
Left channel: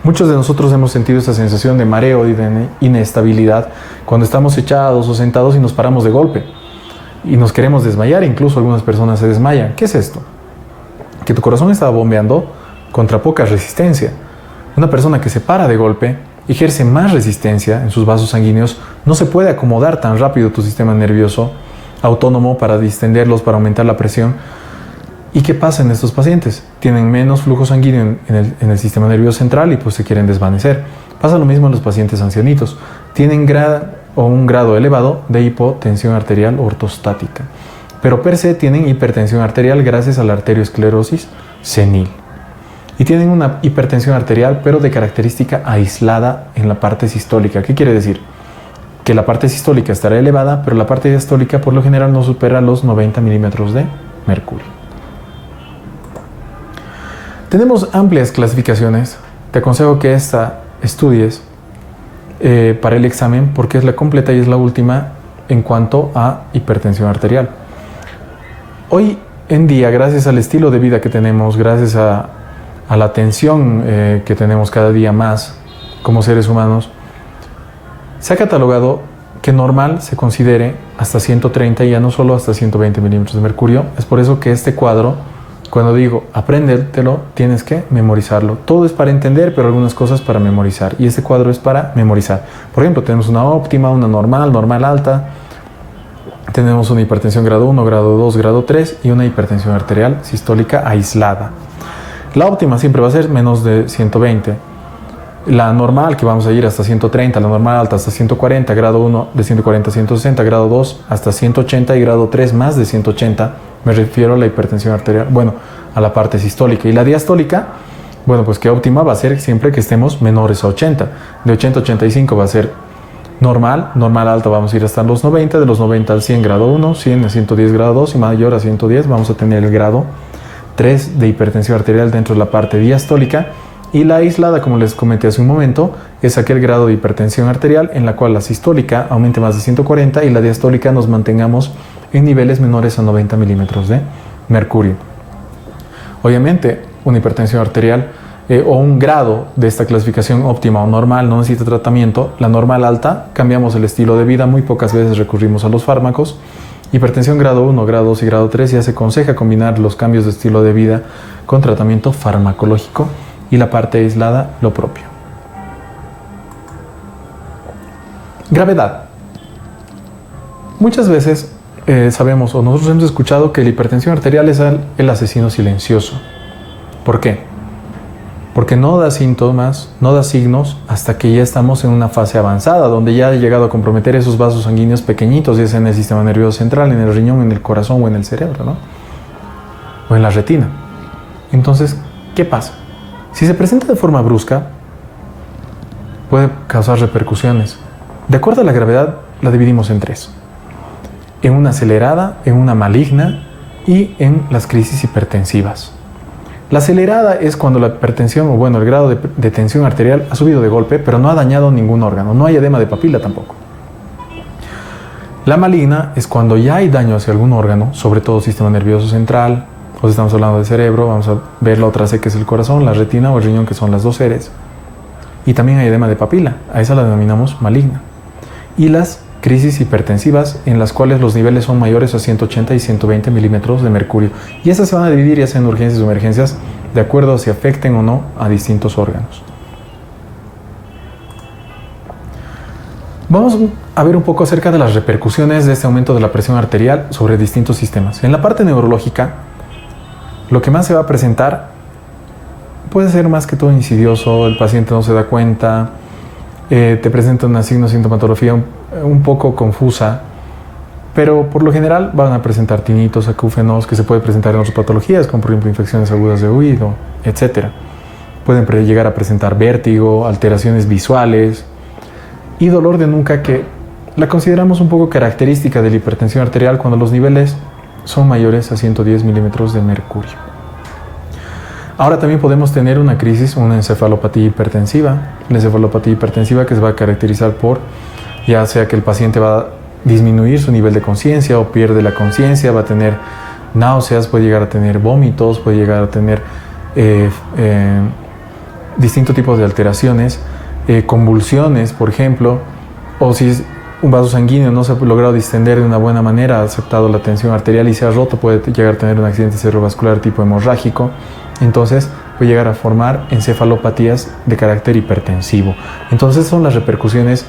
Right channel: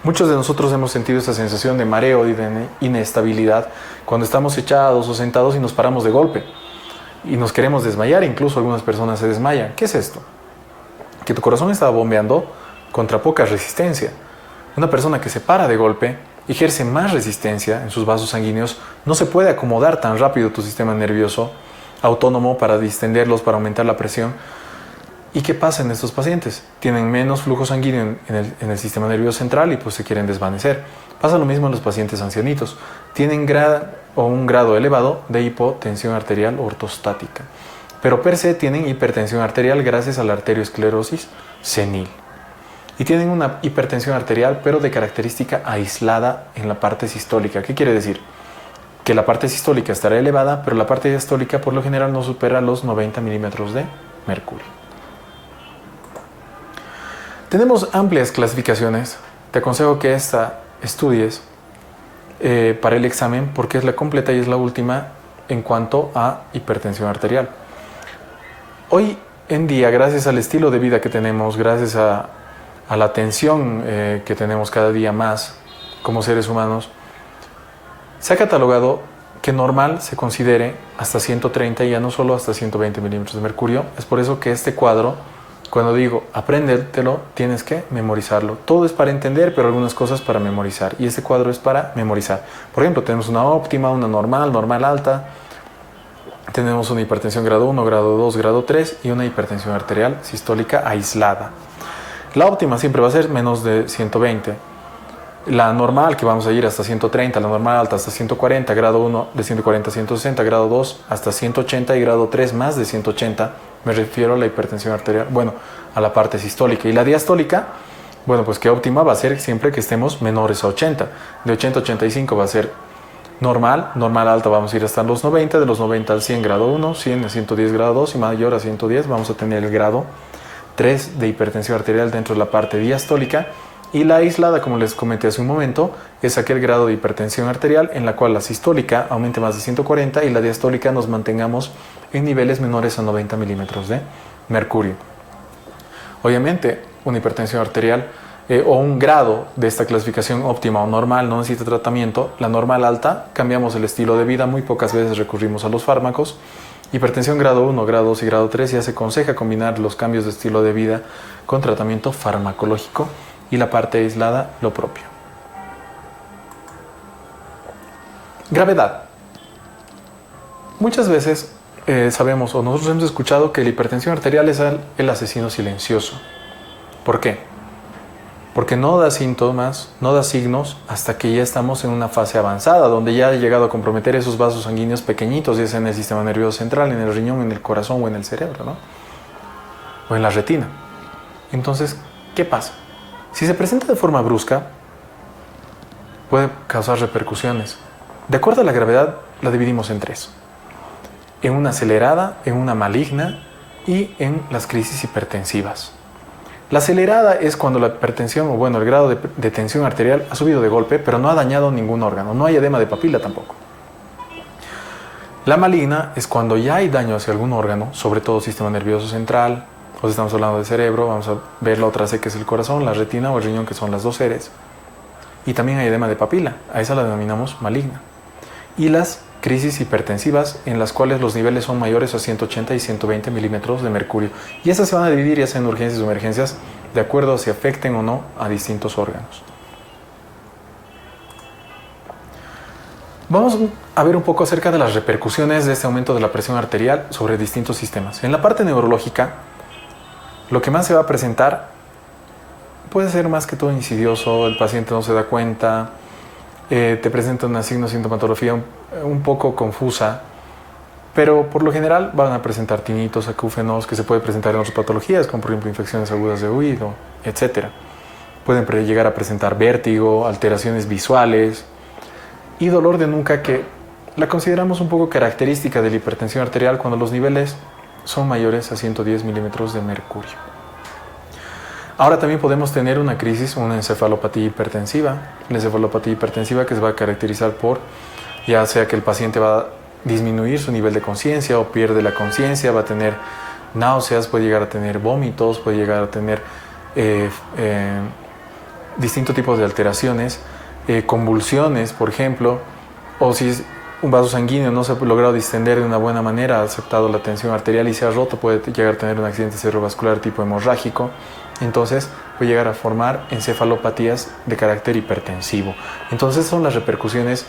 Muchos de nosotros hemos sentido esa sensación de mareo y de inestabilidad cuando estamos echados o sentados y nos paramos de golpe y nos queremos desmayar, incluso algunas personas se desmayan. ¿Qué es esto? Que tu corazón estaba bombeando contra poca resistencia. Una persona que se para de golpe ejerce más resistencia en sus vasos sanguíneos, no se puede acomodar tan rápido tu sistema nervioso autónomo para distenderlos, para aumentar la presión. ¿Y qué pasa en estos pacientes? Tienen menos flujo sanguíneo en el sistema nervioso central y pues se quieren desvanecer. Pasa lo mismo en los pacientes ancianitos. Tienen un grado elevado de hipotensión arterial ortostática, pero per se tienen hipertensión arterial gracias a la arteriosclerosis senil. Y tienen una hipertensión arterial, pero de característica aislada en la parte sistólica. ¿Qué quiere decir? Que la parte sistólica estará elevada, pero la parte diastólica por lo general no supera los 90 milímetros de mercurio. Tenemos amplias clasificaciones. Te aconsejo que esta estudies para el examen porque es la completa y es la última en cuanto a hipertensión arterial. Hoy en día, gracias al estilo de vida que tenemos, gracias a la atención que tenemos cada día más como seres humanos, se ha catalogado que normal se considere hasta 130 y ya no solo hasta 120 milímetros de mercurio. Es por eso que este cuadro, cuando digo apréndetelo, tienes que memorizarlo. Todo es para entender, pero algunas cosas para memorizar. Y este cuadro es para memorizar. Por ejemplo, tenemos una óptima, una normal, normal alta. Tenemos una hipertensión grado 1, grado 2, grado 3 y una hipertensión arterial sistólica aislada. La óptima siempre va a ser menos de 120. La normal, que vamos a ir hasta 130, la normal alta hasta 140, grado 1 de 140 a 160, grado 2 hasta 180 y grado 3 más de 180, me refiero a la hipertensión arterial, a la parte sistólica. Y la diastólica, pues que óptima va a ser siempre que estemos menores a 80, de 80 a 85 va a ser normal, normal alta vamos a ir hasta los 90, de los 90 al 100 grado 1, 100 a 110 grado 2 y mayor a 110 vamos a tener el grado 3 de hipertensión arterial dentro de la parte diastólica. Y la aislada, como les comenté hace un momento, es aquel grado de hipertensión arterial en la cual la sistólica aumente más de 140 y la diastólica nos mantengamos en niveles menores a 90 milímetros de mercurio. Obviamente, una hipertensión arterial o un grado de esta clasificación óptima o normal no necesita tratamiento. La normal alta, cambiamos el estilo de vida, muy pocas veces recurrimos a los fármacos. Hipertensión grado 1, grado 2 y grado 3 ya se aconseja combinar los cambios de estilo de vida con tratamiento farmacológico. Y la parte aislada, lo propio. Gravedad. Muchas veces sabemos o nosotros hemos escuchado que la hipertensión arterial es el asesino silencioso. ¿Por qué? Porque no da síntomas, no da signos hasta que ya estamos en una fase avanzada, donde ya ha llegado a comprometer esos vasos sanguíneos pequeñitos, ya sea en el sistema nervioso central, en el riñón, en el corazón o en el cerebro, ¿no? O en la retina. Entonces, ¿qué pasa? Si se presenta de forma brusca, puede causar repercusiones. De acuerdo a la gravedad, la dividimos en tres. En una acelerada, en una maligna y en las crisis hipertensivas. La acelerada es cuando la hipertensión, o bueno, el grado de tensión arterial ha subido de golpe, pero no ha dañado ningún órgano, no hay edema de papila tampoco. La maligna es cuando ya hay daño hacia algún órgano, sobre todo sistema nervioso central, o si estamos hablando de cerebro, vamos a ver la otra C que es el corazón, la retina o el riñón, que son las dos seres. Y también hay edema de papila, a esa la denominamos maligna. Y las crisis hipertensivas, en las cuales los niveles son mayores a 180 y 120 milímetros de mercurio. Y esas se van a dividir ya sea en urgencias o emergencias, de acuerdo a si afecten o no a distintos órganos. Vamos a ver un poco acerca de las repercusiones de este aumento de la presión arterial sobre distintos sistemas. En la parte neurológica, lo que más se va a presentar puede ser más que todo insidioso, el paciente no se da cuenta, te presenta una signo-sintomatología un poco confusa, pero por lo general van a presentar tinitos, acúfenos, que se puede presentar en otras patologías, como por ejemplo infecciones agudas de oído, etc. Pueden llegar a presentar vértigo, alteraciones visuales y dolor de nuca, que la consideramos un poco característica de la hipertensión arterial cuando los niveles son mayores a 110 milímetros de mercurio. Ahora también podemos tener una crisis, una encefalopatía hipertensiva. La encefalopatía hipertensiva que se va a caracterizar por, ya sea que el paciente va a disminuir su nivel de conciencia o pierde la conciencia, va a tener náuseas, puede llegar a tener vómitos, puede llegar a tener distintos tipos de alteraciones, convulsiones, por ejemplo, o si un vaso sanguíneo no se ha logrado distender de una buena manera, ha aceptado la tensión arterial y se ha roto, puede llegar a tener un accidente cerebrovascular tipo hemorrágico. Entonces puede llegar a formar encefalopatías de carácter hipertensivo. Entonces son las repercusiones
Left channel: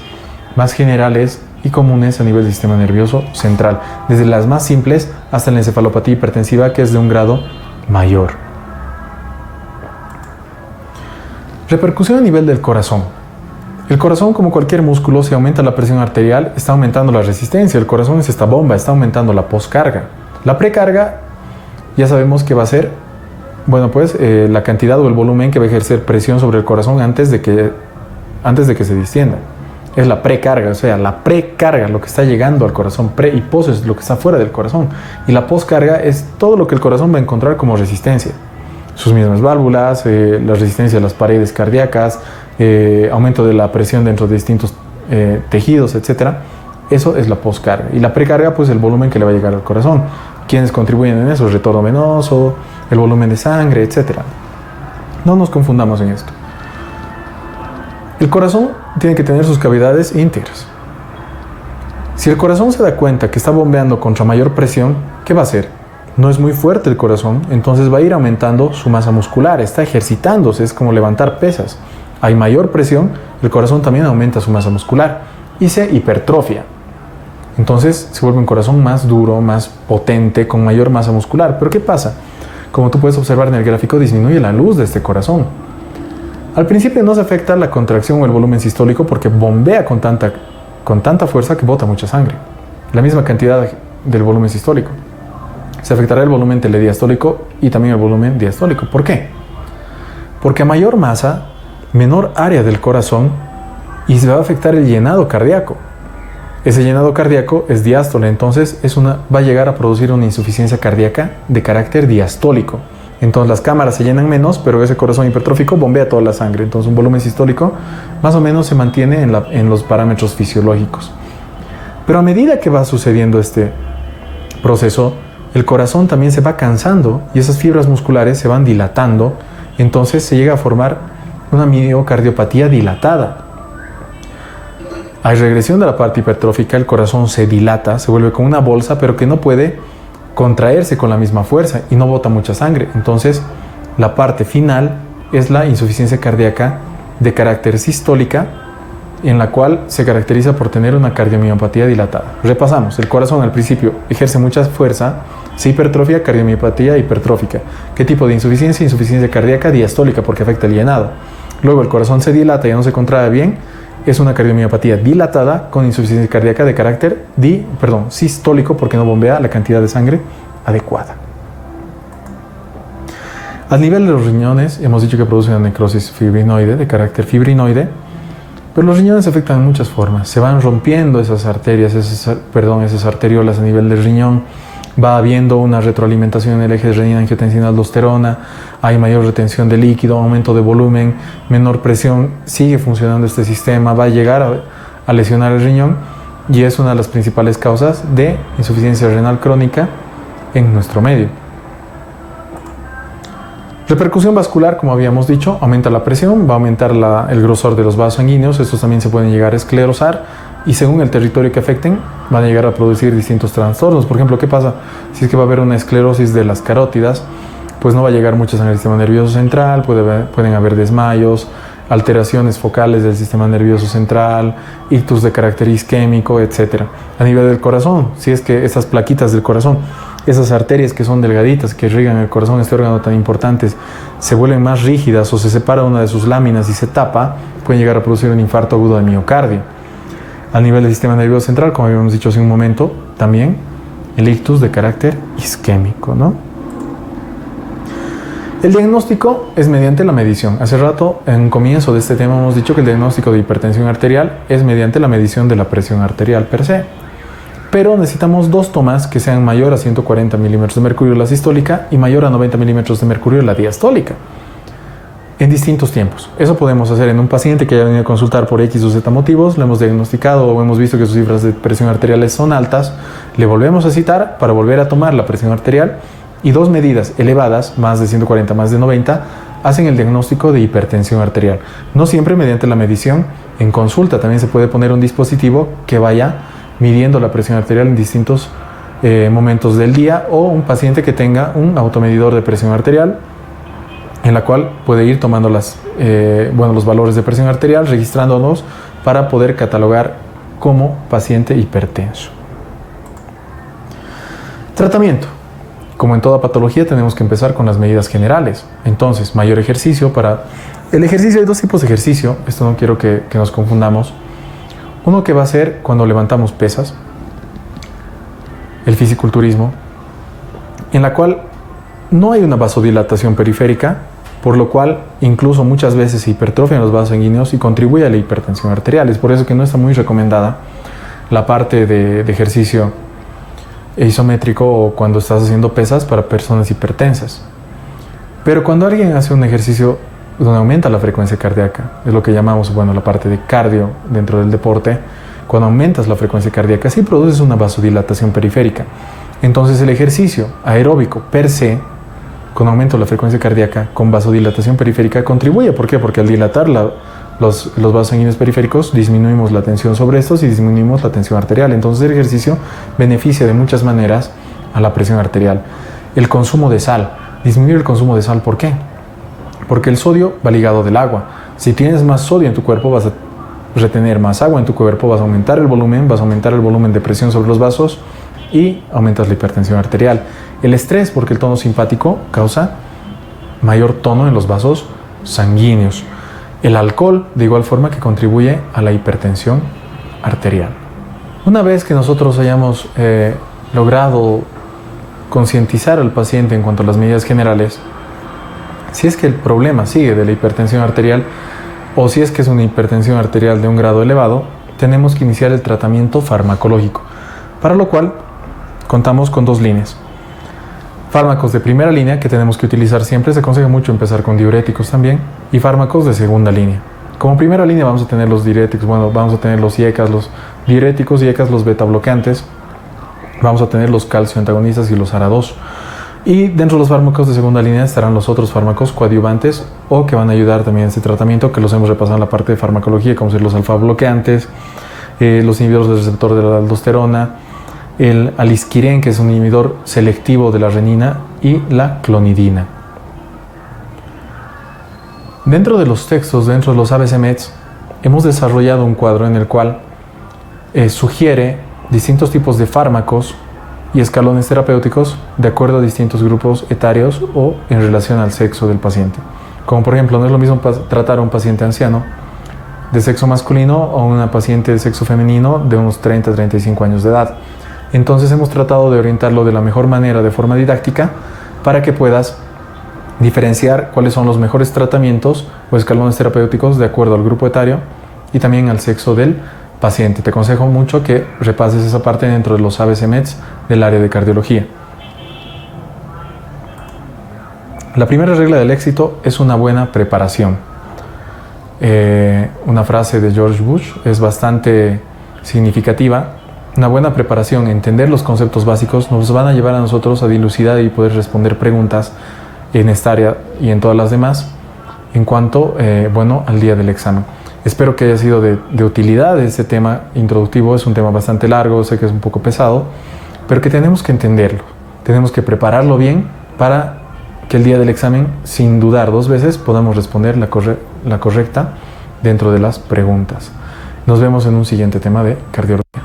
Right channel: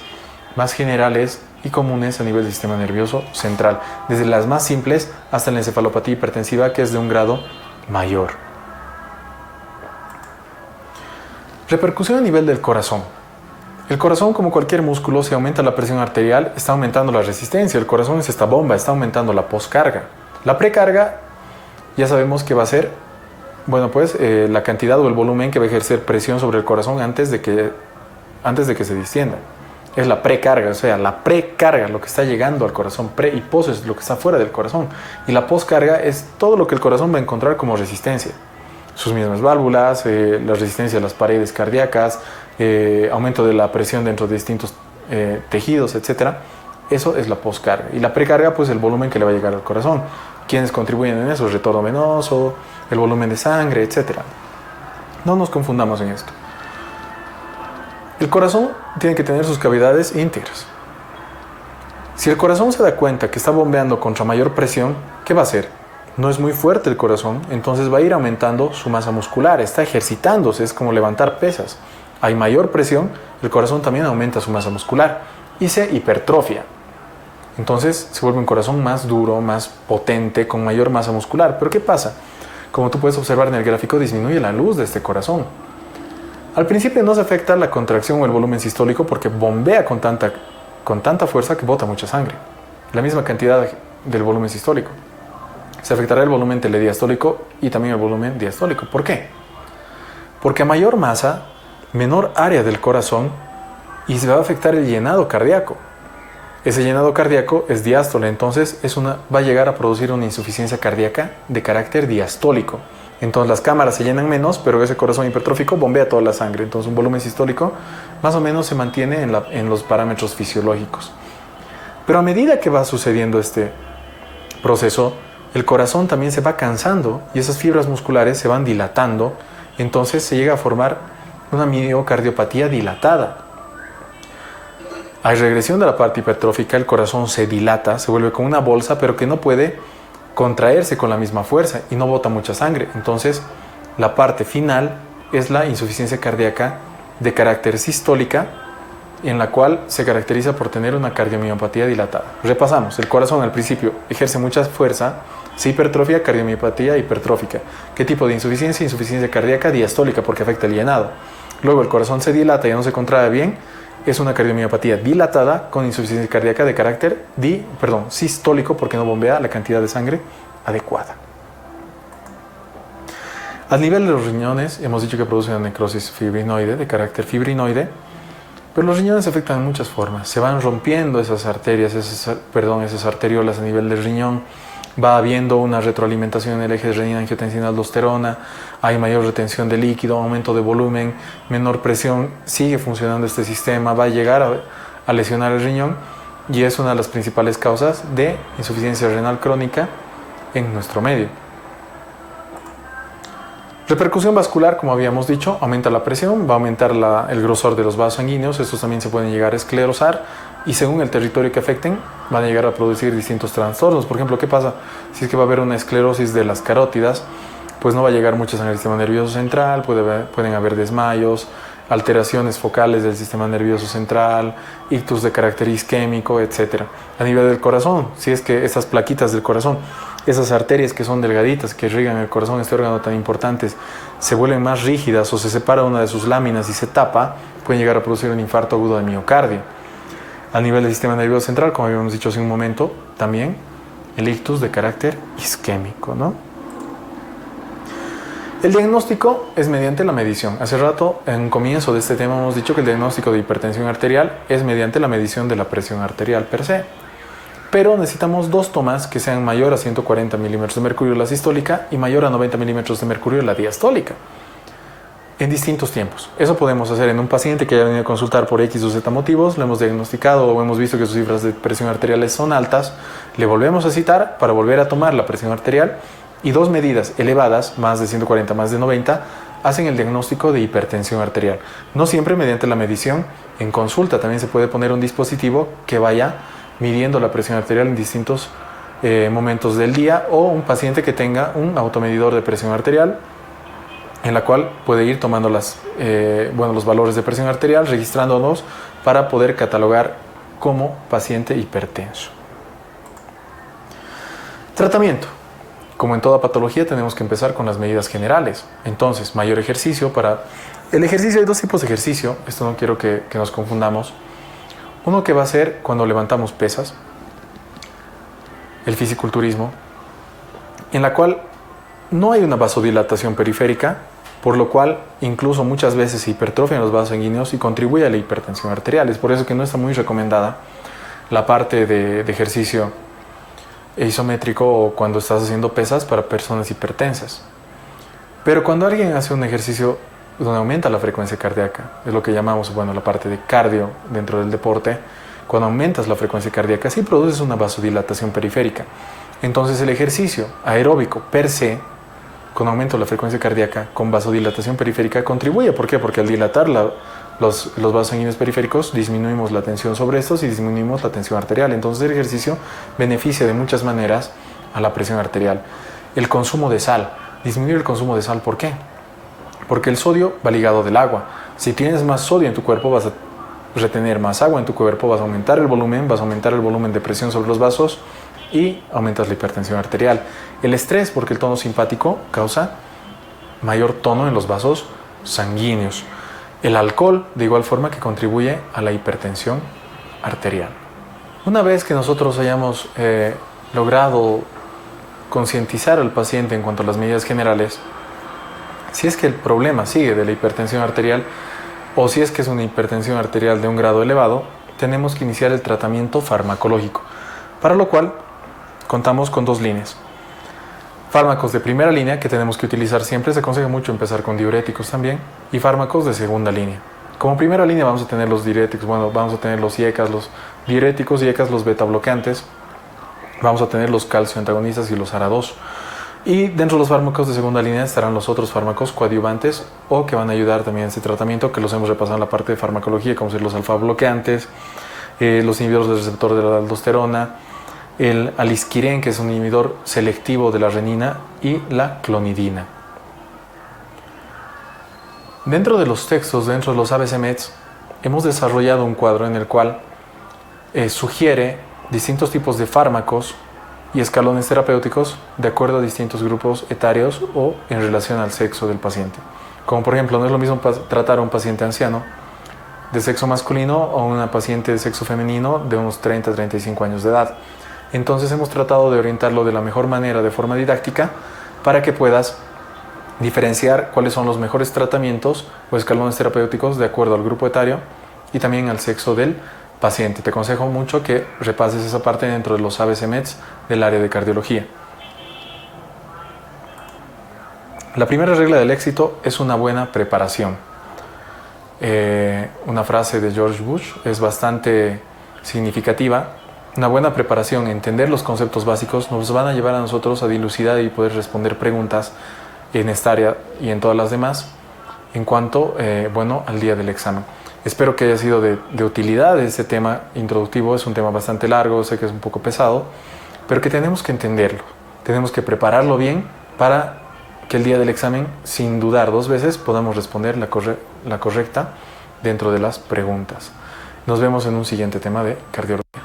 más generales y comunes a nivel del sistema nervioso central, desde las más simples hasta la encefalopatía hipertensiva, que es de un grado mayor. Repercusión a nivel del corazón. El corazón, como cualquier músculo, si aumenta la presión arterial, está aumentando la resistencia. El corazón es esta bomba, está aumentando la poscarga. La precarga ya sabemos que va a ser, bueno, pues la cantidad o el volumen que va a ejercer presión sobre el corazón antes de que se distienda. Es la precarga, o sea, la precarga, lo que está llegando al corazón. Pre y pos es lo que está fuera del corazón. Y la poscarga es todo lo que el corazón va a encontrar como resistencia. Sus mismas válvulas, la resistencia de las paredes cardíacas, aumento de la presión dentro de distintos tejidos, etc. Eso es la poscarga. Y la precarga, pues el volumen que le va a llegar al corazón. ¿Quiénes contribuyen en eso? El retorno venoso, el volumen de sangre, etc. No nos confundamos en esto. El corazón tiene que tener sus cavidades íntegras. Si el corazón se da cuenta que está bombeando contra mayor presión, ¿qué va a hacer? No es muy fuerte el corazón, entonces va a ir aumentando su masa muscular, está ejercitándose, es como levantar pesas. Hay mayor presión, el corazón también aumenta su masa muscular y se hipertrofia. Entonces se vuelve un corazón más duro, más potente, con mayor masa muscular. ¿Pero qué pasa? Como tú puedes observar en el gráfico, disminuye la luz de este corazón. Al principio no se afecta la contracción o el volumen sistólico porque bombea con tanta fuerza que bota mucha sangre. La misma cantidad del volumen sistólico. Se afectará el volumen telediastólico y también el volumen diastólico. ¿Por qué? Porque a mayor masa, menor área del corazón y se va a afectar el llenado cardíaco. Ese llenado cardíaco es diástole, entonces va a llegar a producir una insuficiencia cardíaca de carácter diastólico. Entonces las cámaras se llenan menos, pero ese corazón hipertrófico bombea toda la sangre. Entonces un volumen sistólico más o menos se mantiene en los parámetros fisiológicos. Pero a medida que va sucediendo este proceso, el corazón también se va cansando y esas fibras musculares se van dilatando. Entonces se llega a formar una miocardiopatía dilatada. Hay regresión de la parte hipertrófica, el corazón se dilata, se vuelve como una bolsa, pero que no puede contraerse con la misma fuerza y no bota mucha sangre. Entonces, la parte final es la insuficiencia cardíaca de carácter sistólica en la cual se caracteriza por tener una cardiomiopatía dilatada. Repasamos, el corazón al principio ejerce mucha fuerza, se hipertrofia, cardiomiopatía hipertrófica. ¿Qué tipo de insuficiencia? Insuficiencia cardíaca diastólica porque afecta el llenado. Luego el corazón se dilata y ya no se contrae bien, es una cardiomiopatía dilatada con insuficiencia cardíaca de carácter sistólico porque no bombea la cantidad de sangre adecuada. Al nivel de los riñones, hemos dicho que produce una necrosis fibrinoide, de carácter fibrinoide, pero los riñones se afectan en muchas formas. Se van rompiendo esas arterias, esas arteriolas a nivel del riñón, va habiendo una retroalimentación en el eje de renina-angiotensina-aldosterona, hay mayor retención de líquido, aumento de volumen, menor presión, sigue funcionando este sistema, va a llegar a lesionar el riñón y es una de las principales causas de insuficiencia renal crónica en nuestro medio. Repercusión vascular, como habíamos dicho, aumenta la presión, va a aumentar el grosor de los vasos sanguíneos, estos también se pueden llegar a esclerosar y según el territorio que afecten van a llegar a producir distintos trastornos. Por ejemplo, ¿qué pasa? Si es que va a haber una esclerosis de las carótidas, pues no va a llegar mucha sangre al sistema nervioso central, pueden haber desmayos, alteraciones focales del sistema nervioso central, ictus de carácter isquémico, etc. A nivel del corazón, si es que esas plaquitas del corazón, esas arterias que son delgaditas, que irrigan el corazón, este órgano tan importante, se vuelven más rígidas o se separa una de sus láminas y se tapa, pueden llegar a producir un infarto agudo de miocardio. A nivel del sistema nervioso central, como habíamos dicho hace un momento, también el ictus de carácter isquémico, ¿no? El diagnóstico es mediante la medición. Hace rato, en un comienzo de este tema, hemos dicho que el diagnóstico de hipertensión arterial es mediante la medición de la presión arterial per se. Pero necesitamos dos tomas que sean mayor a 140 milímetros de mercurio la sistólica y mayor a 90 milímetros de mercurio la diastólica, en distintos tiempos. Eso podemos hacer en un paciente que haya venido a consultar por X o Z motivos, lo hemos diagnosticado o hemos visto que sus cifras de presión arteriales son altas, le volvemos a citar para volver a tomar la presión arterial y dos medidas elevadas, más de 140, más de 90, hacen el diagnóstico de hipertensión arterial. No siempre mediante la medición en consulta, también se puede poner un dispositivo que vaya midiendo la presión arterial en distintos momentos del día o un paciente que tenga un automedidor de presión arterial en la cual puede ir tomando los valores de presión arterial, registrándonos para poder catalogar como paciente hipertenso. Tratamiento. Como en toda patología tenemos que empezar con las medidas generales. Entonces, mayor ejercicio El ejercicio, hay dos tipos de ejercicio, esto no quiero que nos confundamos. Uno que va a ser cuando levantamos pesas, el fisiculturismo, en la cual no hay una vasodilatación periférica, por lo cual incluso muchas veces se hipertrofian los vasos sanguíneos y contribuye a la hipertensión arterial. Es por eso que no está muy recomendada la parte de ejercicio isométrico o cuando estás haciendo pesas para personas hipertensas. Pero cuando alguien hace un ejercicio donde aumenta la frecuencia cardíaca, es lo que llamamos, la parte de cardio dentro del deporte, cuando aumentas la frecuencia cardíaca, sí produces una vasodilatación periférica. Entonces el ejercicio aeróbico per se, con aumento de la frecuencia cardíaca, con vasodilatación periférica, contribuye. ¿Por qué? Porque al dilatar los vasos sanguíneos periféricos, disminuimos la tensión sobre estos y disminuimos la tensión arterial. Entonces el ejercicio beneficia de muchas maneras a la presión arterial. El consumo de sal, disminuir el consumo de sal, ¿por qué? Porque el sodio va ligado del agua. Si tienes más sodio en tu cuerpo, vas a retener más agua en tu cuerpo, vas a aumentar el volumen de presión sobre los vasos y aumentas la hipertensión arterial. El estrés, porque el tono simpático causa mayor tono en los vasos sanguíneos. El alcohol, de igual forma, que contribuye a la hipertensión arterial. Una vez que nosotros hayamos logrado concientizar al paciente en cuanto a las medidas generales, si es que el problema sigue de la hipertensión arterial o si es que es una hipertensión arterial de un grado elevado, tenemos que iniciar el tratamiento farmacológico, para lo cual contamos con dos líneas. Fármacos de primera línea que tenemos que utilizar siempre, se aconseja mucho empezar con diuréticos también, y fármacos de segunda línea. Como primera línea vamos a tener los diuréticos, vamos a tener los IECAs, los diuréticos, IECAs, los beta bloqueantes, vamos a tener los calcio antagonistas y los ARA2. Y dentro de los fármacos de segunda línea estarán los otros fármacos coadyuvantes o que van a ayudar también en este tratamiento, que los hemos repasado en la parte de farmacología, como ser los alfa bloqueantes, los inhibidores del receptor de la aldosterona, el alisquirén, que es un inhibidor selectivo de la renina, y la clonidina. Dentro de los textos, dentro de los ABC-Meds, hemos desarrollado un cuadro en el cual sugiere distintos tipos de fármacos y escalones terapéuticos de acuerdo a distintos grupos etarios o en relación al sexo del paciente. Como por ejemplo, no es lo mismo tratar a un paciente anciano de sexo masculino o a una paciente de sexo femenino de unos 30-35 años de edad. Entonces hemos tratado de orientarlo de la mejor manera, de forma didáctica, para que puedas diferenciar cuáles son los mejores tratamientos o escalones terapéuticos de acuerdo al grupo etario y también al sexo del paciente. Te aconsejo mucho que repases esa parte dentro de los ABC-MEDs del área de cardiología. La primera regla del éxito es una buena preparación. Una frase de George Bush es bastante significativa. Una buena preparación, entender los conceptos básicos, nos van a llevar a nosotros a dilucidar y poder responder preguntas en esta área y en todas las demás en cuanto al día del examen. Espero que haya sido de utilidad este tema introductivo. Es un tema bastante largo, sé que es un poco pesado, pero que tenemos que entenderlo, tenemos que prepararlo bien para que el día del examen, sin dudar dos veces, podamos responder la correcta dentro de las preguntas. Nos vemos en un siguiente tema de cardiología.